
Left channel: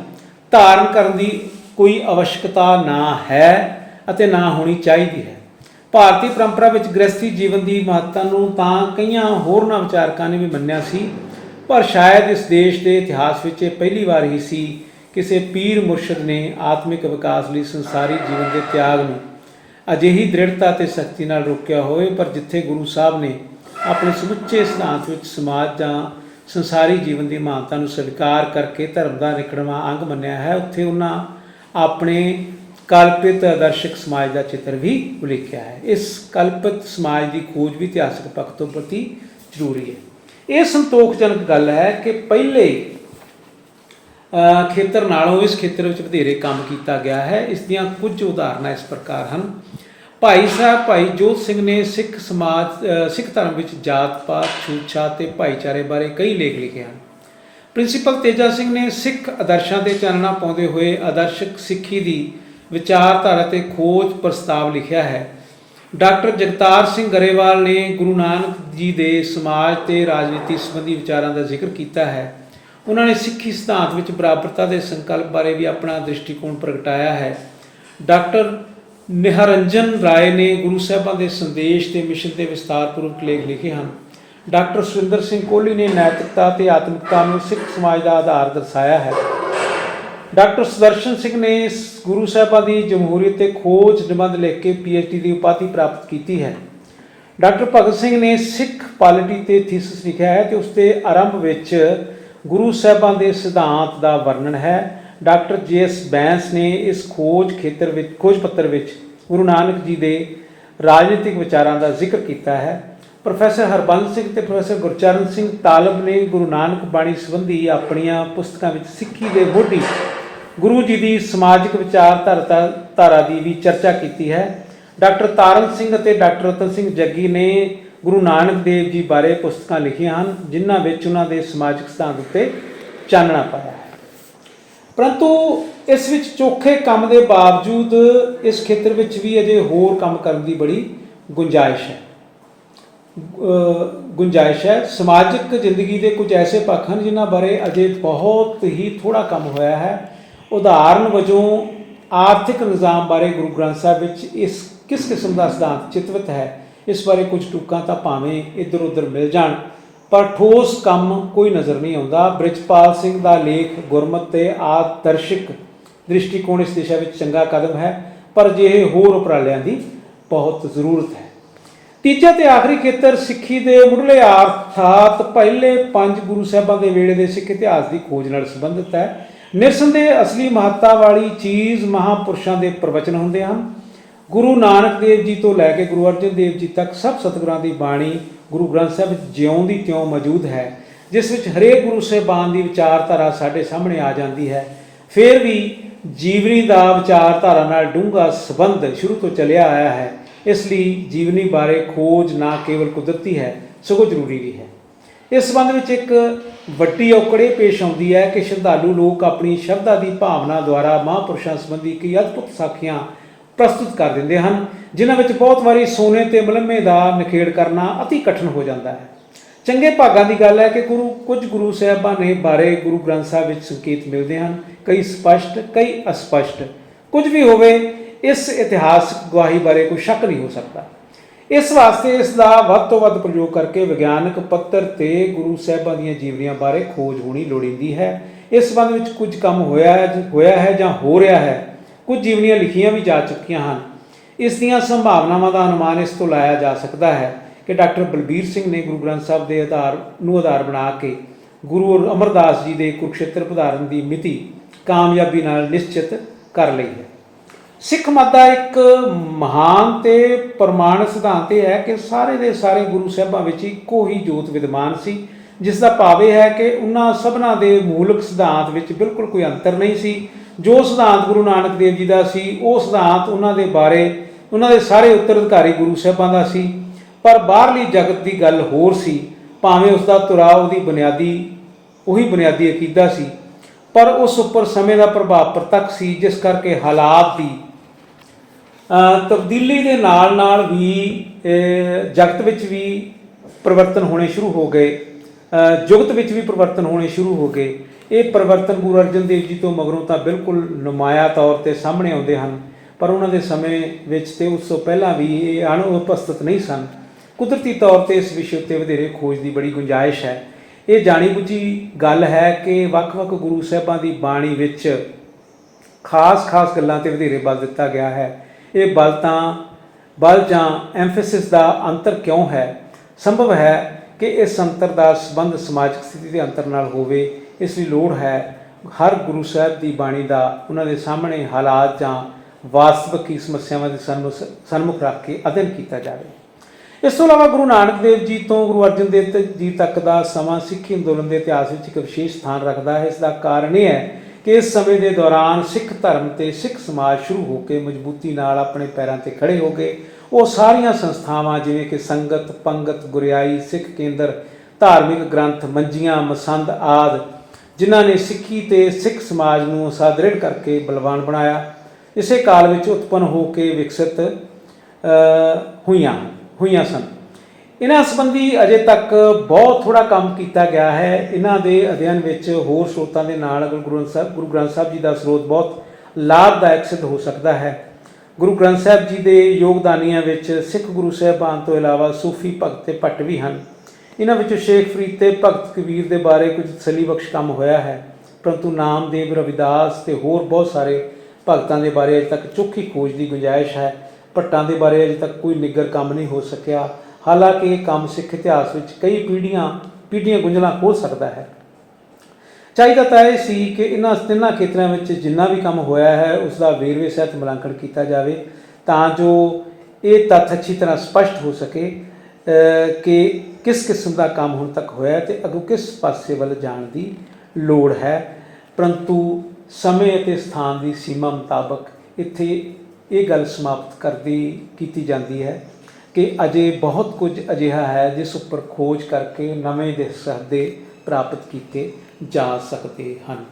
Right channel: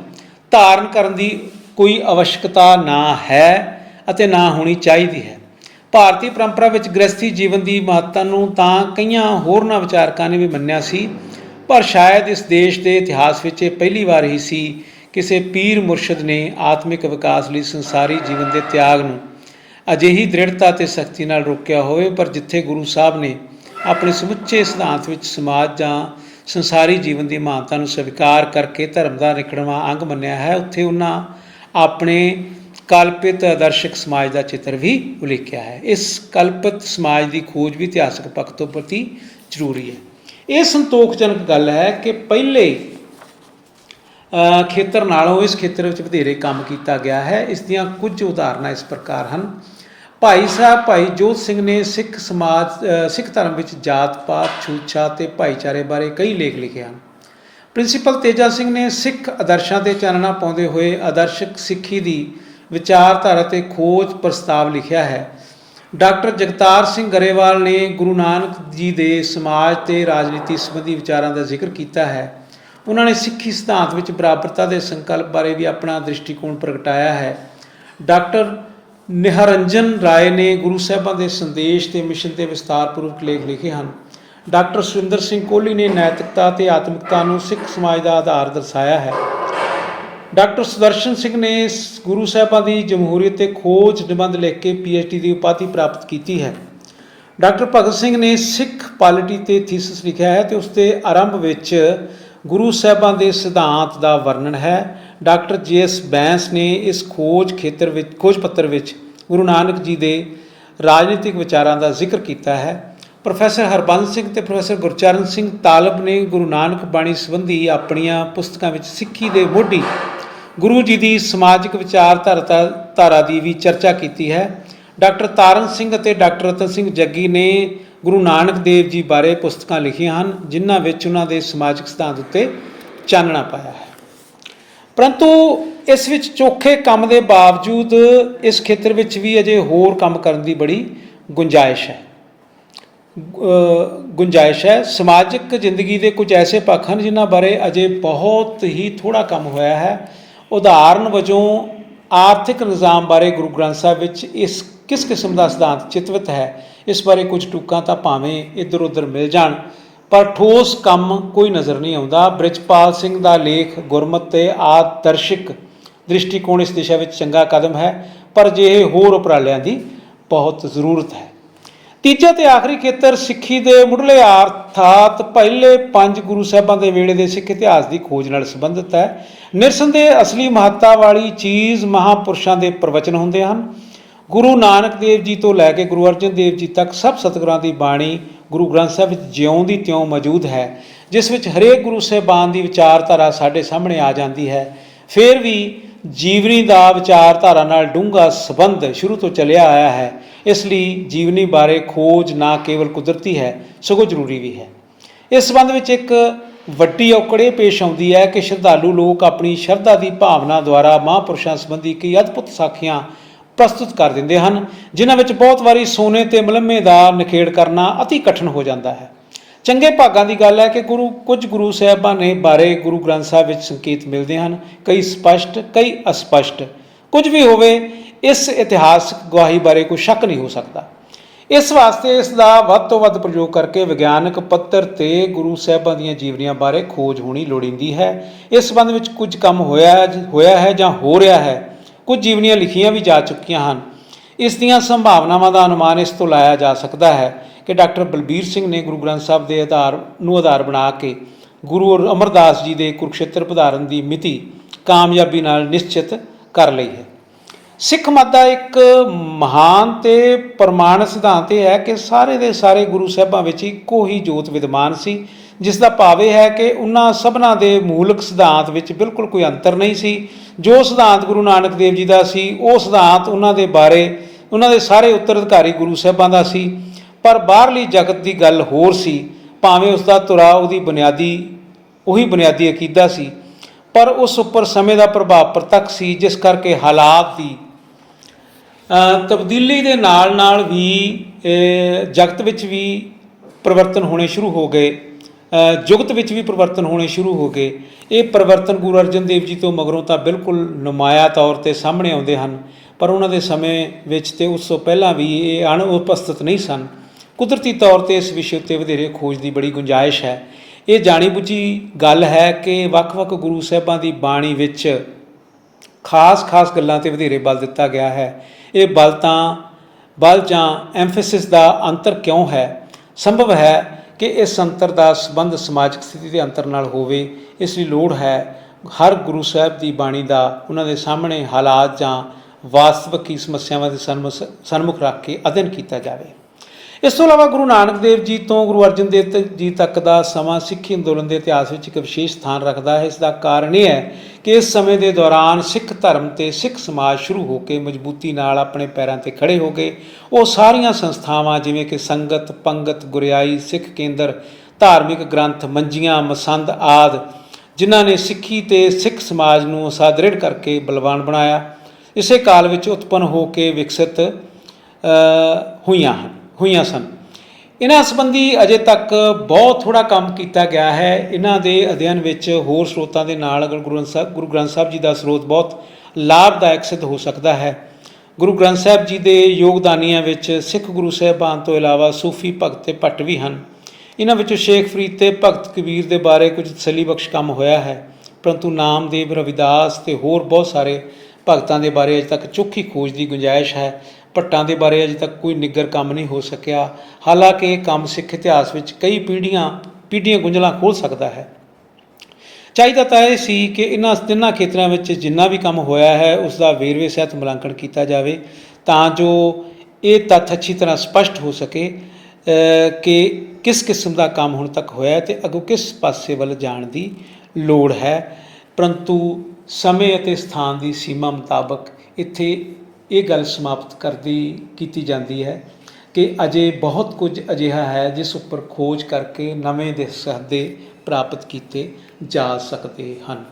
ਧਾਰਨ ਕਰਨ ਦੀ ਕੋਈ ਆਵਸ਼ਕਤਾ ਨਾ ਹੈ ਅਤੇ ਨਾ ਹੋਣੀ ਚਾਹੀਦੀ ਹੈ। ਭਾਰਤੀ ਪਰੰਪਰਾ ਵਿੱਚ ਗ੍ਰਸਥੀ ਜੀਵਨ ਦੀ ਮਹੱਤਤਾ ਨੂੰ ਤਾਂ ਕਈਆਂ ਹੋਰਨਾਂ ਵਿਚਾਰਕਾਂ ਨੇ ਵੀ ਮੰਨਿਆ ਸੀ, ਪਰ ਸ਼ਾਇਦ ਇਸ ਦੇਸ਼ ਦੇ ਇਤਿਹਾਸ ਵਿੱਚ ਇਹ ਪਹਿਲੀ ਵਾਰ ਹੀ ਸੀ ਕਿਸੇ ਪੀਰ ਮੁਰਸ਼ਿਦ ਨੇ ਆਤਮਿਕ ਵਿਕਾਸ ਲਈ ਸੰਸਾਰੀ ਜੀਵਨ ਦੇ ਤਿਆਗ ਨੂੰ ਅਜਿਹੀ ਦ੍ਰਿੜਤਾ ਤੇ ਸਖਤੀ ਨਾਲ ਰੋਕਿਆ ਹੋਵੇ, ਪਰ ਜਿੱਥੇ ਗੁਰੂ ਸਾਹਿਬ ਨੇ ਆਪਣੇ ਸਮੁੱਚੇ ਸਿਧਾਂਤ ਵਿੱਚ ਸਮਾਜ ਜਾਂ ਸੰਸਾਰੀ ਜੀਵਨ ਦੀ ਮਹਾਨਤਾ ਨੂੰ ਸਵੀਕਾਰ ਕਰਕੇ ਧਰਮ ਦਾ ਨਿਕੜਵਾਂ ਅੰਗ ਮੰਨਿਆ ਹੈ, ਉੱਥੇ ਉਹਨਾਂ ਆਪਣੇ ਕਲਪਿਤ ਆਦਰਸ਼ਕ ਸਮਾਜ ਦਾ ਚਿੱਤਰ ਵੀ ਉਲੀਕਿਆ ਹੈ। ਇਸ ਕਲਪਿਤ ਸਮਾਜ ਦੀ ਖੋਜ ਵੀ ਇਤਿਹਾਸਕ ਪੱਖ ਤੋਂ ਪ੍ਰਤੀ ਜ਼ਰੂਰੀ ਹੈ। ਇਹ ਸੰਤੋਖਜਨਕ ਗੱਲ ਹੈ ਕਿ ਪਹਿਲੇ ਖੇਤਰ ਨਾਲੋਂ ਇਸ ਖੇਤਰ ਵਿੱਚ ਵਧੇਰੇ ਕੰਮ ਕੀਤਾ ਗਿਆ ਹੈ। ਇਸ ਦੀਆਂ ਕੁਝ ਉਦਾਹਰਨਾਂ ਇਸ ਪ੍ਰਕਾਰ ਹਨ। ਭਾਈ ਸਾਹਿਬ, ਭਾਈ ਜੋਤ ਸਿੰਘ ਨੇ ਸਿੱਖ ਸਮਾਜ ਸਿੱਖ ਧਰਮ ਵਿੱਚ ਜਾਤ ਪਾਤ ਛੂਤ-ਛਾਤ ਤੇ ਭਾਈਚਾਰੇ ਬਾਰੇ ਕਈ ਲੇਖ ਲਿਖੇ ਹਨ। ਪ੍ਰਿੰਸੀਪਲ ਤੇਜਾ ਸਿੰਘ ਨੇ ਸਿੱਖ ਆਦਰਸ਼ਾਂ ਤੇ ਚਾਨਣਾ ਪਾਉਂਦੇ ਹੋਏ ਆਦਰਸ਼ਕ ਸਿੱਖੀ ਦੀ ਵਿਚਾਰਧਾਰਾ ਤੇ ਖੋਜ ਪ੍ਰਸਤਾਵ ਲਿਖਿਆ ਹੈ। ਡਾਕਟਰ ਜਗਤਾਰ ਸਿੰਘ ਗਰੇਵਾਲ ਨੇ ਗੁਰੂ ਨਾਨਕ ਜੀ ਦੇ ਸਮਾਜ ਤੇ ਰਾਜਨੀਤੀ ਸੰਬੰਧੀ ਵਿਚਾਰਾਂ ਦਾ ਜ਼ਿਕਰ ਕੀਤਾ ਹੈ। ਉਹਨਾਂ ਨੇ ਸਿੱਖੀ ਸਿਧਾਂਤ ਵਿੱਚ ਬਰਾਬਰਤਾ ਦੇ ਸੰਕਲਪ ਬਾਰੇ ਵੀ ਆਪਣਾ ਦ੍ਰਿਸ਼ਟੀਕੋਣ ਪ੍ਰਗਟਾਇਆ ਹੈ। ਡਾਕਟਰ ਨਿਹਰੰਜਨ ਰਾਏ ਨੇ ਗੁਰੂ ਸਾਹਿਬਾਂ ਦੇ ਸੰਦੇਸ਼ ਤੇ ਮਿਸ਼ਨ ਤੇ ਵਿਸਤਾਰਪੂਰਵਕ ਲੇਖ ਲਿਖੇ ਹਨ। ਡਾਕਟਰ ਸੁਰਿੰਦਰ ਸਿੰਘ ਕੋਹਲੀ ਨੇ ਨੈਤਿਕਤਾ ਤੇ ਆਤਮਿਕਤਾ ਨੂੰ ਸਿੱਖ ਸਮਾਜ ਦਾ ਆਧਾਰ ਦਰਸਾਇਆ ਹੈ। ਡਾਕਟਰ ਸੁਦਰਸ਼ਨ ਸਿੰਘ ਨੇ ਗੁਰੂ ਸਾਹਿਬਾਂ ਦੀ ਜਮਹੂਰੀਅਤ ਤੇ ਖੋਜ ਨਿਬੰਧ ਲਿਖ ਕੇ ਡੀ ਦੀ ਉਪਾਧੀ ਪ੍ਰਾਪਤ ਕੀਤੀ ਹੈ। ਡਾਕਟਰ ਭਗਤ ਸਿੰਘ ਨੇ ਸਿੱਖ ਪਾਲਿਟੀ ਤੇ ਥੀਸਿਸ ਲਿਖਿਆ ਹੈ ਤੇ ਉਸ ਦੇ ਆਰੰਭ ਵਿੱਚ ਗੁਰੂ ਸਾਹਿਬਾਂ ਦੇ ਸਿਧਾਂਤ ਦਾ ਵਰਣਨ ਹੈ। ਡਾਕਟਰ ਜੀਐਸ ਬੈਂਸ ਨੇ ਇਸ ਖੋਜ ਖੇਤਰ ਵਿੱਚ, ਖੋਜ ਪੱਤਰ ਵਿੱਚ ਗੁਰੂ ਨਾਨਕ ਜੀ ਦੇ ਰਾਜਨੀਤਿਕ ਵਿਚਾਰਾਂ ਦਾ ਜ਼ਿਕਰ ਕੀਤਾ ਹੈ। ਪ੍ਰੋਫੈਸਰ ਹਰਬੰਸ ਸਿੰਘ ਤੇ ਪ੍ਰੋਫੈਸਰ ਗੁਰਚਰਨ ਸਿੰਘ ਤਾਲਬ ਨੇ ਗੁਰੂ ਨਾਨਕ ਬਾਣੀ ਸੰਬੰਧੀ ਆਪਣੀਆਂ ਪੁਸਤਕਾਂ ਵਿੱਚ ਸਿੱਖੀ ਦੇ ਮੋਢੀ ਗੁਰੂ ਜੀ ਦੀ ਸਮਾਜਿਕ ਵਿਚਾਰਧਾਰਾ ਧਾਰਾ ਦੀ ਵੀ ਚਰਚਾ ਕੀਤੀ ਹੈ। ਡਾਕਟਰ ਤਾਰਨ ਸਿੰਘ ਅਤੇ ਡਾਕਟਰ ਰਤਨ ਸਿੰਘ ਜੱਗੀ ਨੇ ਗੁਰੂ ਨਾਨਕ ਦੇਵ ਜੀ ਬਾਰੇ ਪੁਸਤਕਾਂ ਲਿਖੀਆਂ ਹਨ, ਜਿਨ੍ਹਾਂ ਵਿੱਚ ਉਹਨਾਂ ਦੇ ਸਮਾਜਿਕ ਸਿਧਾਂਤ ਉੱਤੇ ਚਾਨਣਾ ਪਾਇਆ ਪਰੰਤੂ ਇਸ ਵਿੱਚ ਚੋਖੇ ਕੰਮ ਦੇ ਬਾਵਜੂਦ ਇਸ ਖੇਤਰ ਵਿੱਚ ਵੀ ਅਜੇ ਹੋਰ ਕੰਮ ਕਰਨ ਦੀ ਬੜੀ ਗੁੰਜਾਇਸ਼ ਹੈ। ਗੁੰਜਾਇਸ਼ ਹੈ। ਸਮਾਜਿਕ ਜ਼ਿੰਦਗੀ ਦੇ ਕੁਝ ਐਸੇ ਪੱਖ ਹਨ ਜਿਨ੍ਹਾਂ ਬਾਰੇ ਅਜੇ ਬਹੁਤ ਹੀ ਥੋੜਾ ਕੰਮ ਹੋਇਆ ਹੈ। ਉਦਾਹਰਨ ਵਜੋਂ ਆਰਥਿਕ ਨਿਜ਼ਾਮ ਬਾਰੇ ਗੁਰੂ ਗ੍ਰੰਥ ਸਾਹਿਬ ਵਿੱਚ ਇਸ ਕਿਸ ਕਿਸਮ ਦਾ ਸਿਧਾਂਤ ਚਿਤਵਤ ਹੈ, ਇਸ ਬਾਰੇ ਕੁਝ ਟੁਕਾਂ ਤਾਂ ਭਾਵੇਂ ਇੱਧਰ ਉੱਧਰ ਮਿਲ ਜਾਣ। ਪਰ ਠੋਸ ਕੰਮ ਕੋਈ ਨਜ਼ਰ ਨਹੀਂ ਆਉਂਦਾ। ਬ੍ਰਿਜਪਾਲ ਸਿੰਘ ਦਾ ਲੇਖ ਗੁਰਮਤ ਤੇ ਆਦਰਸ਼ਿਕ ਦ੍ਰਿਸ਼ਟੀਕੋਣ ਇਸ ਦਿਸ਼ਾ ਵਿੱਚ ਚੰਗਾ ਕਦਮ ਹੈ, ਪਰ ਜੇ ਹੋਰ ਉਪਰਾਲਿਆਂ ਦੀ ਬਹੁਤ ਜ਼ਰੂਰਤ ਹੈ। ਤੀਜਾ ਤੇ ਆਖਰੀ ਖੇਤਰ ਸਿੱਖੀ ਦੇ ਮੁੱਢਲੇ ਅਰਥਾਤ ਪਹਿਲੇ ਪੰਜ ਗੁਰੂ ਸਾਹਿਬਾਂ ਦੇ ਵੇਲੇ ਦੇ ਸਿੱਖ ਇਤਿਹਾਸ ਦੀ ਖੋਜ ਨਾਲ ਸੰਬੰਧਿਤ ਹੈ। ਨਿਰਸੰਦੇਹ ਅਸਲੀ ਮਹੱਤਤਾ ਵਾਲੀ ਚੀਜ਼ ਮਹਾਪੁਰਸ਼ਾਂ ਦੇ ਪ੍ਰਵਚਨ ਹੁੰਦੇ ਹਨ। ਗੁਰੂ ਨਾਨਕ ਦੇਵ ਜੀ ਤੋਂ ਲੈ ਕੇ ਗੁਰੂ ਅਰਜਨ ਦੇਵ ਜੀ ਤੱਕ ਸਭ ਸਤਿਗੁਰਾਂ ਦੀ ਬਾਣੀ ਗੁਰੂ ਗ੍ਰੰਥ ਸਾਹਿਬ ਵਿੱਚ ਜਿਉਂ ਦੀ ਤਿਉਂ ਮੌਜੂਦ ਹੈ, ਜਿਸ ਵਿੱਚ ਹਰੇਕ ਗੁਰੂ ਸਾਹਿਬਾਨ ਦੀ ਵਿਚਾਰਧਾਰਾ ਸਾਡੇ ਸਾਹਮਣੇ ਆ ਜਾਂਦੀ ਹੈ, ਫਿਰ ਵੀ ਜੀਵਨੀ ਦਾ ਵਿਚਾਰਧਾਰਾ ਨਾਲ ਡੂੰਘਾ ਸੰਬੰਧ ਸ਼ੁਰੂ ਤੋਂ ਚੱਲਿਆ ਆਇਆ ਹੈ, ਇਸ ਲਈ ਜੀਵਨੀ ਬਾਰੇ ਖੋਜ ਨਾ ਕੇਵਲ ਕੁਦਰਤੀ ਹੈ, ਸਗੋਂ ਜ਼ਰੂਰੀ ਵੀ ਹੈ। ਇਸ ਸੰਬੰਧ ਵਿੱਚ ਇੱਕ ਵੱਡੀ ਔਕੜ ਇਹ ਪੇਸ਼ ਆਉਂਦੀ ਹੈ ਕਿ ਸ਼ਰਧਾਲੂ ਲੋਕ ਆਪਣੀ ਸ਼ਰਧਾ ਦੀ ਭਾਵਨਾ ਦੁਆਰਾ ਮਹਾਂਪੁਰਸ਼ਾਂ ਸੰਬੰਧੀ ਕਈ ਅਦਭੁਤ ਸਾਖੀਆਂ ਪ੍ਰਸਤੁਤ ਕਰ ਦਿੰਦੇ ਹਨ, ਜਿਨ੍ਹਾਂ ਵਿੱਚ ਬਹੁਤ ਵਾਰੀ ਸੋਨੇ ਤੇ ਮਲਮੇ ਦਾ ਨਿਖੇੜ ਕਰਨਾ ਅਤੀ ਕਠਿਨ ਹੋ ਜਾਂਦਾ ਹੈ। ਚੰਗੇ ਭਾਗਾਂ ਦੀ ਗੱਲ ਹੈ ਕਿ ਗੁਰੂ, ਕੁਝ ਗੁਰੂ ਸਾਹਿਬਾਂ ਨੇ ਬਾਰੇ ਗੁਰੂ ਗ੍ਰੰਥ ਸਾਹਿਬ ਵਿੱਚ ਸੰਕੇਤ ਮਿਲਦੇ ਹਨ, ਕਈ ਸਪਸ਼ਟ, ਕਈ ਅਸਪਸ਼ਟ। ਕੁਝ ਵੀ ਹੋਵੇ, ਇਸ ਇਤਿਹਾਸਕ ਗਵਾਹੀ ਬਾਰੇ ਕੋਈ ਸ਼ੱਕ ਨਹੀਂ ਹੋ ਸਕਦਾ। ਇਸ ਵਾਸਤੇ ਇਸ ਦਾ ਵੱਧ ਤੋਂ ਵੱਧ ਪ੍ਰਯੋਗ ਕਰਕੇ ਵਿਗਿਆਨਕ ਪੱਧਰ ਤੇ ਗੁਰੂ ਸਾਹਿਬਾਂ ਦੀਆਂ ਜੀਵਨੀਆਂ ਬਾਰੇ ਖੋਜ ਹੋਣੀ ਲੋੜੀਂਦੀ ਹੈ। ਇਸ ਸੰਬੰਧ ਵਿੱਚ ਕੁਝ ਕੰਮ ਹੋਇਆ ਹੋਇਆ ਹੈ ਜਾਂ ਹੋ ਰਿਹਾ ਹੈ ਕੁਝ ਜੀਵਨੀਆਂ ਲਿਖੀਆਂ ਵੀ ਜਾ ਚੁੱਕੀਆਂ ਹਨ। ਇਸ ਦੀਆਂ ਸੰਭਾਵਨਾਵਾਂ ਦਾ ਅਨੁਮਾਨ ਇਸ ਤੋਂ ਲਾਇਆ ਜਾ ਸਕਦਾ ਹੈ ਕਿ ਡਾਕਟਰ ਬਲਬੀਰ ਸਿੰਘ ਨੇ ਗੁਰੂ ਗ੍ਰੰਥ ਸਾਹਿਬ ਦੇ ਆਧਾਰ ਨੂੰ ਆਧਾਰ ਬਣਾ ਕੇ ਗੁਰੂ ਅਮਰਦਾਸ ਜੀ ਦੇ ਕੁਰਕਸ਼ੇਤਰ ਪਧਾਰਨ ਦੀ ਮਿਤੀ ਕਾਮਯਾਬੀ ਨਾਲ ਨਿਸ਼ਚਿਤ ਕਰ ਲਈ ਹੈ। ਸਿੱਖ ਮਤ ਦਾ ਇੱਕ ਮਹਾਨ ਤੇ ਪ੍ਰਮਾਣ ਸਿਧਾਂਤ ਇਹ ਹੈ ਕਿ ਸਾਰੇ ਦੇ ਸਾਰੇ ਗੁਰੂ ਸਾਹਿਬਾਂ ਵਿੱਚ ਇੱਕੋ ਹੀ ਜੋਤ ਵਿਦਮਾਨ ਸੀ, ਜਿਸ ਦਾ ਭਾਵ ਇਹ ਹੈ ਕਿ ਉਹਨਾਂ ਸਭਨਾਂ ਦੇ ਮੂਲਕ ਸਿਧਾਂਤ ਵਿੱਚ ਬਿਲਕੁਲ ਕੋਈ ਅੰਤਰ ਨਹੀਂ ਸੀ ਜੋ ਸਿਧਾਂਤ ਗੁਰੂ ਨਾਨਕ ਦੇਵ ਜੀ ਦਾ ਸੀ, ਉਹ ਸਿਧਾਂਤ ਉਹਨਾਂ ਦੇ ਬਾਰੇ, ਉਹਨਾਂ ਦੇ ਸਾਰੇ ਉੱਤਰਾਧਿਕਾਰੀ ਗੁਰੂ ਸਾਹਿਬਾਂ ਦਾ ਸੀ। ਪਰ ਬਾਹਰਲੀ ਜਗਤ ਦੀ ਗੱਲ ਹੋਰ ਸੀ, ਭਾਵੇਂ ਉਸ ਦਾ ਤੁਰਾ ਉਹਦੀ ਬੁਨਿਆਦੀ, ਉਹੀ ਬੁਨਿਆਦੀ ਅਕੀਦਾ ਸੀ। ਪਰ ਉਸ ਉੱਪਰ ਸਮੇਂ ਦਾ ਪ੍ਰਭਾਵ ਪ੍ਰਤੱਖ ਸੀ, ਜਿਸ ਕਰਕੇ ਹਾਲਾਤ ਦੀ ਤਬਦੀਲੀ ਦੇ ਨਾਲ ਨਾਲ ਵੀ ਜਗਤ ਵਿੱਚ ਵੀ ਪਰਿਵਰਤਨ ਹੋਣੇ ਸ਼ੁਰੂ ਹੋ ਗਏ। ਜੁਗਤ ਵਿੱਚ ਵੀ ਪਰਿਵਰਤਨ ਹੋਣੇ ਸ਼ੁਰੂ ਹੋ ਗਏ। ਇਹ ਪਰਿਵਰਤਨ ਗੁਰੂ ਅਰਜਨ ਦੇਵ ਜੀ ਤੋਂ ਮਗਰੋਂ ਤਾਂ ਬਿਲਕੁਲ ਨੁਮਾਇਆ ਤੌਰ ਤੇ ਸਾਹਮਣੇ ਆਉਂਦੇ ਹਨ, ਪਰ ਉਹਨਾਂ ਦੇ ਸਮੇਂ ਵਿੱਚ ਤੇ ਉਸ ਤੋਂ ਪਹਿਲਾਂ ਵੀ ਇਹ ਅਣਉਪਸਥਿਤ ਨਹੀਂ ਸਨ। ਕੁਦਰਤੀ ਤੌਰ ਤੇ ਇਸ ਵਿਸ਼ੇ ਉੱਤੇ ਵਧੇਰੇ ਖੋਜ ਦੀ ਬੜੀ ਗੁੰਜਾਇਸ਼ ਹੈ। ਇਹ ਜਾਣੀ ਬੁੱਝੀ ਗੱਲ ਹੈ ਕਿ ਵੱਖ-ਵੱਖ ਗੁਰੂ ਸਾਹਿਬਾਂ ਦੀ ਬਾਣੀ ਵਿੱਚ ਖਾਸ-ਖਾਸ ਗੱਲਾਂ ਤੇ ਵਧੇਰੇ ਬਲ ਦਿੱਤਾ ਗਿਆ ਹੈ। ਇਹ ਬਲ ਤਾਂ, ਬਲ ਜਾਂ ਐਮਫੈਸਿਸ ਦਾ ਅੰਤਰ ਕਿਉਂ ਹੈ? ਸੰਭਵ ਹੈ ਕਿ ਇਸ ਅੰਤਰ ਦਾ ਸੰਬੰਧ ਸਮਾਜਿਕ ਸਥਿਤੀ ਦੇ ਅੰਤਰ ਨਾਲ ਹੋਵੇ ਇਸ ਲਈ ਲੋੜ ਹੈ ਹਰ ਗੁਰੂ ਸਾਹਿਬ ਦੀ ਬਾਣੀ ਦਾ ਉਹਨਾਂ ਦੇ ਸਾਹਮਣੇ ਹਾਲਾਤ ਜਾਂ ਵਾਸਤਵਿਕ ਸਮੱਸਿਆਵਾਂ ਦੇ ਸਨਮੁਖ ਸਨਮੁਖ ਰੱਖ ਕੇ ਅਧਿਐਨ ਕੀਤਾ ਜਾਵੇ। ਇਸ ਤੋਂ ਇਲਾਵਾ ਗੁਰੂ ਨਾਨਕ ਦੇਵ ਜੀ ਤੋਂ ਗੁਰੂ ਅਰਜਨ ਦੇਵ ਜੀ ਤੱਕ ਦਾ ਸਮਾਂ ਸਿੱਖੀ ਅੰਦੋਲਨ ਦੇ ਇਤਿਹਾਸ ਵਿੱਚ ਇੱਕ ਵਿਸ਼ੇਸ਼ ਸਥਾਨ ਰੱਖਦਾ ਹੈ। ਇਸ ਦਾ ਕਾਰਨ ਇਹ ਹੈ ਕਿ ਇਸ ਸਮੇਂ ਦੇ ਦੌਰਾਨ ਸਿੱਖ ਧਰਮ ਤੇ ਸਿੱਖ ਸਮਾਜ ਸ਼ੁਰੂ ਹੋ ਕੇ ਮਜ਼ਬੂਤੀ ਨਾਲ ਆਪਣੇ ਪੈਰਾਂ ਤੇ ਖੜੇ ਹੋ ਗਏ। ਉਹ ਸਾਰੀਆਂ ਸੰਸਥਾਵਾਂ ਜਿਵੇਂ ਕਿ ਸੰਗਤ, ਪੰਗਤ, ਗੁਰਿਆਈ, ਸਿੱਖ ਕੇਂਦਰ, ਧਾਰਮਿਕ ਗ੍ਰੰਥ, ਮੰਜੀਆਂ, ਮਸੰਦ ਆਦ ਜਿਨ੍ਹਾਂ ਨੇ ਸਿੱਖੀ ਤੇ ਸਿੱਖ ਸਮਾਜ ਨੂੰ ਸਾਦ੍ਰਿੜ ਕਰਕੇ ਬਲਵਾਨ ਬਣਾਇਆ, ਇਸੇ ਕਾਲ ਵਿੱਚ ਉਤਪੰਨ ਹੋ ਕੇ ਵਿਕਸਿਤ ਹੋਈਆਂ ਹਨ, ਹੋਈਆਂ ਸਨ। ਇਹਨਾਂ ਸੰਬੰਧੀ ਅਜੇ ਤੱਕ ਬਹੁਤ ਥੋੜਾ ਕੰਮ ਕੀਤਾ ਗਿਆ ਹੈ। ਇਹਨਾਂ ਦੇ ਅਧਿਐਨ ਵਿੱਚ ਹੋਰ ਸਰੋਤਾਂ ਦੇ ਨਾਲ ਅਗਰ ਗੁਰੂ ਗ੍ਰੰਥ ਸਾਹਿਬ, ਗੁਰੂ ਗ੍ਰੰਥ ਸਾਹਿਬ ਜੀ ਦਾ ਸਰੋਤ ਬਹੁਤ ਲਾਭਦਾਇਕ ਸਿੱਧ ਹੋ ਸਕਦਾ ਹੈ। ਗੁਰੂ ਗ੍ਰੰਥ ਸਾਹਿਬ ਜੀ ਦੇ ਯੋਗਦਾਨੀਆਂ ਵਿੱਚ ਸਿੱਖ ਗੁਰੂ ਸਾਹਿਬਾਨ ਤੋਂ ਇਲਾਵਾ ਸੂਫੀ ਭਗਤ ਤੇ ਭੱਟ ਵੀ ਹਨ। ਇਹਨਾਂ ਵਿੱਚੋਂ ਸ਼ੇਖ ਫਰੀਦ ਤੇ ਭਗਤ ਕਬੀਰ ਦੇ ਬਾਰੇ ਕੁਝ ਤਸੱਲੀ ਬਖਸ਼ ਕੰਮ ਹੋਇਆ ਹੈ। ਪਰੰਤੂ ਨਾਮਦੇਵ, ਰਵਿਦਾਸ ਤੇ ਹੋਰ ਬਹੁਤ ਸਾਰੇ ਭਗਤਾਂ ਦੇ ਬਾਰੇ ਅਜੇ ਤੱਕ ਚੋਖੀ ਖੋਜ ਦੀ ਗੁੰਜਾਇਸ਼ ਹੈ। ਭੱਟਾਂ ਦੇ ਬਾਰੇ ਅਜੇ ਤੱਕ ਕੋਈ ਨਿੱਗਰ ਕੰਮ ਨਹੀਂ ਹੋ ਸਕਿਆ। ਹਾਲਾਂਕਿ ਇਹ ਕੰਮ ਸਿੱਖ ਇਤਿਹਾਸ ਵਿੱਚ ਕਈ ਪੀੜ੍ਹੀਆਂ ਪੀੜ੍ਹੀਆਂ ਗੁੰਝਲਾਂ ਖੋਲ ਸਕਦਾ ਹੈ। ਚਾਹੀਦਾ ਤਾਂ ਇਹ ਸੀ ਕਿ ਇਹਨਾਂ ਤਿੰਨਾਂ ਖੇਤਰਾਂ ਵਿੱਚ ਜਿੰਨਾ ਵੀ ਕੰਮ ਹੋਇਆ ਹੈ ਉਸ ਦਾ ਵੇਰਵੇ ਸਹਿਤ ਮੁਲਾਂਕਣ ਕੀਤਾ ਜਾਵੇ ਤਾਂ ਜੋ ਇਹ ਤੱਥ ਅੱਛੀ ਤਰ੍ਹਾਂ ਸਪਸ਼ਟ ਹੋ ਸਕੇ। ਕਿ ਕਿਸ ਕਿਸਮ ਦਾ ਕੰਮ ਹੁਣ ਤੱਕ ਹੋਇਆ ਤੇ ਅੱਗੋਂ ਕਿਸ ਪਾਸੇ ਵੱਲ ਜਾਣ ਦੀ ਲੋੜ ਹੈ? ਪਰੰਤੂ ਸਮੇਂ ਅਤੇ ਸਥਾਨ ਦੀ ਸੀਮਾ ਮੁਤਾਬਕ ਇੱਥੇ ਇਹ ਗੱਲ ਸਮਾਪਤ ਕਰਦੀ ਕੀਤੀ ਜਾਂਦੀ ਹੈ ਕਿ ਅਜੇ ਬਹੁਤ ਕੁਝ ਅਜਿਹਾ ਹੈ ਜਿਸ ਉੱਪਰ ਖੋਜ ਕਰਕੇ ਨਵੇਂ ਦੇ ਸਹਦੇ ਪ੍ਰਾਪਤ ਕੀਤੇ ਜਾ ਸਕਦੇ ਹਨ।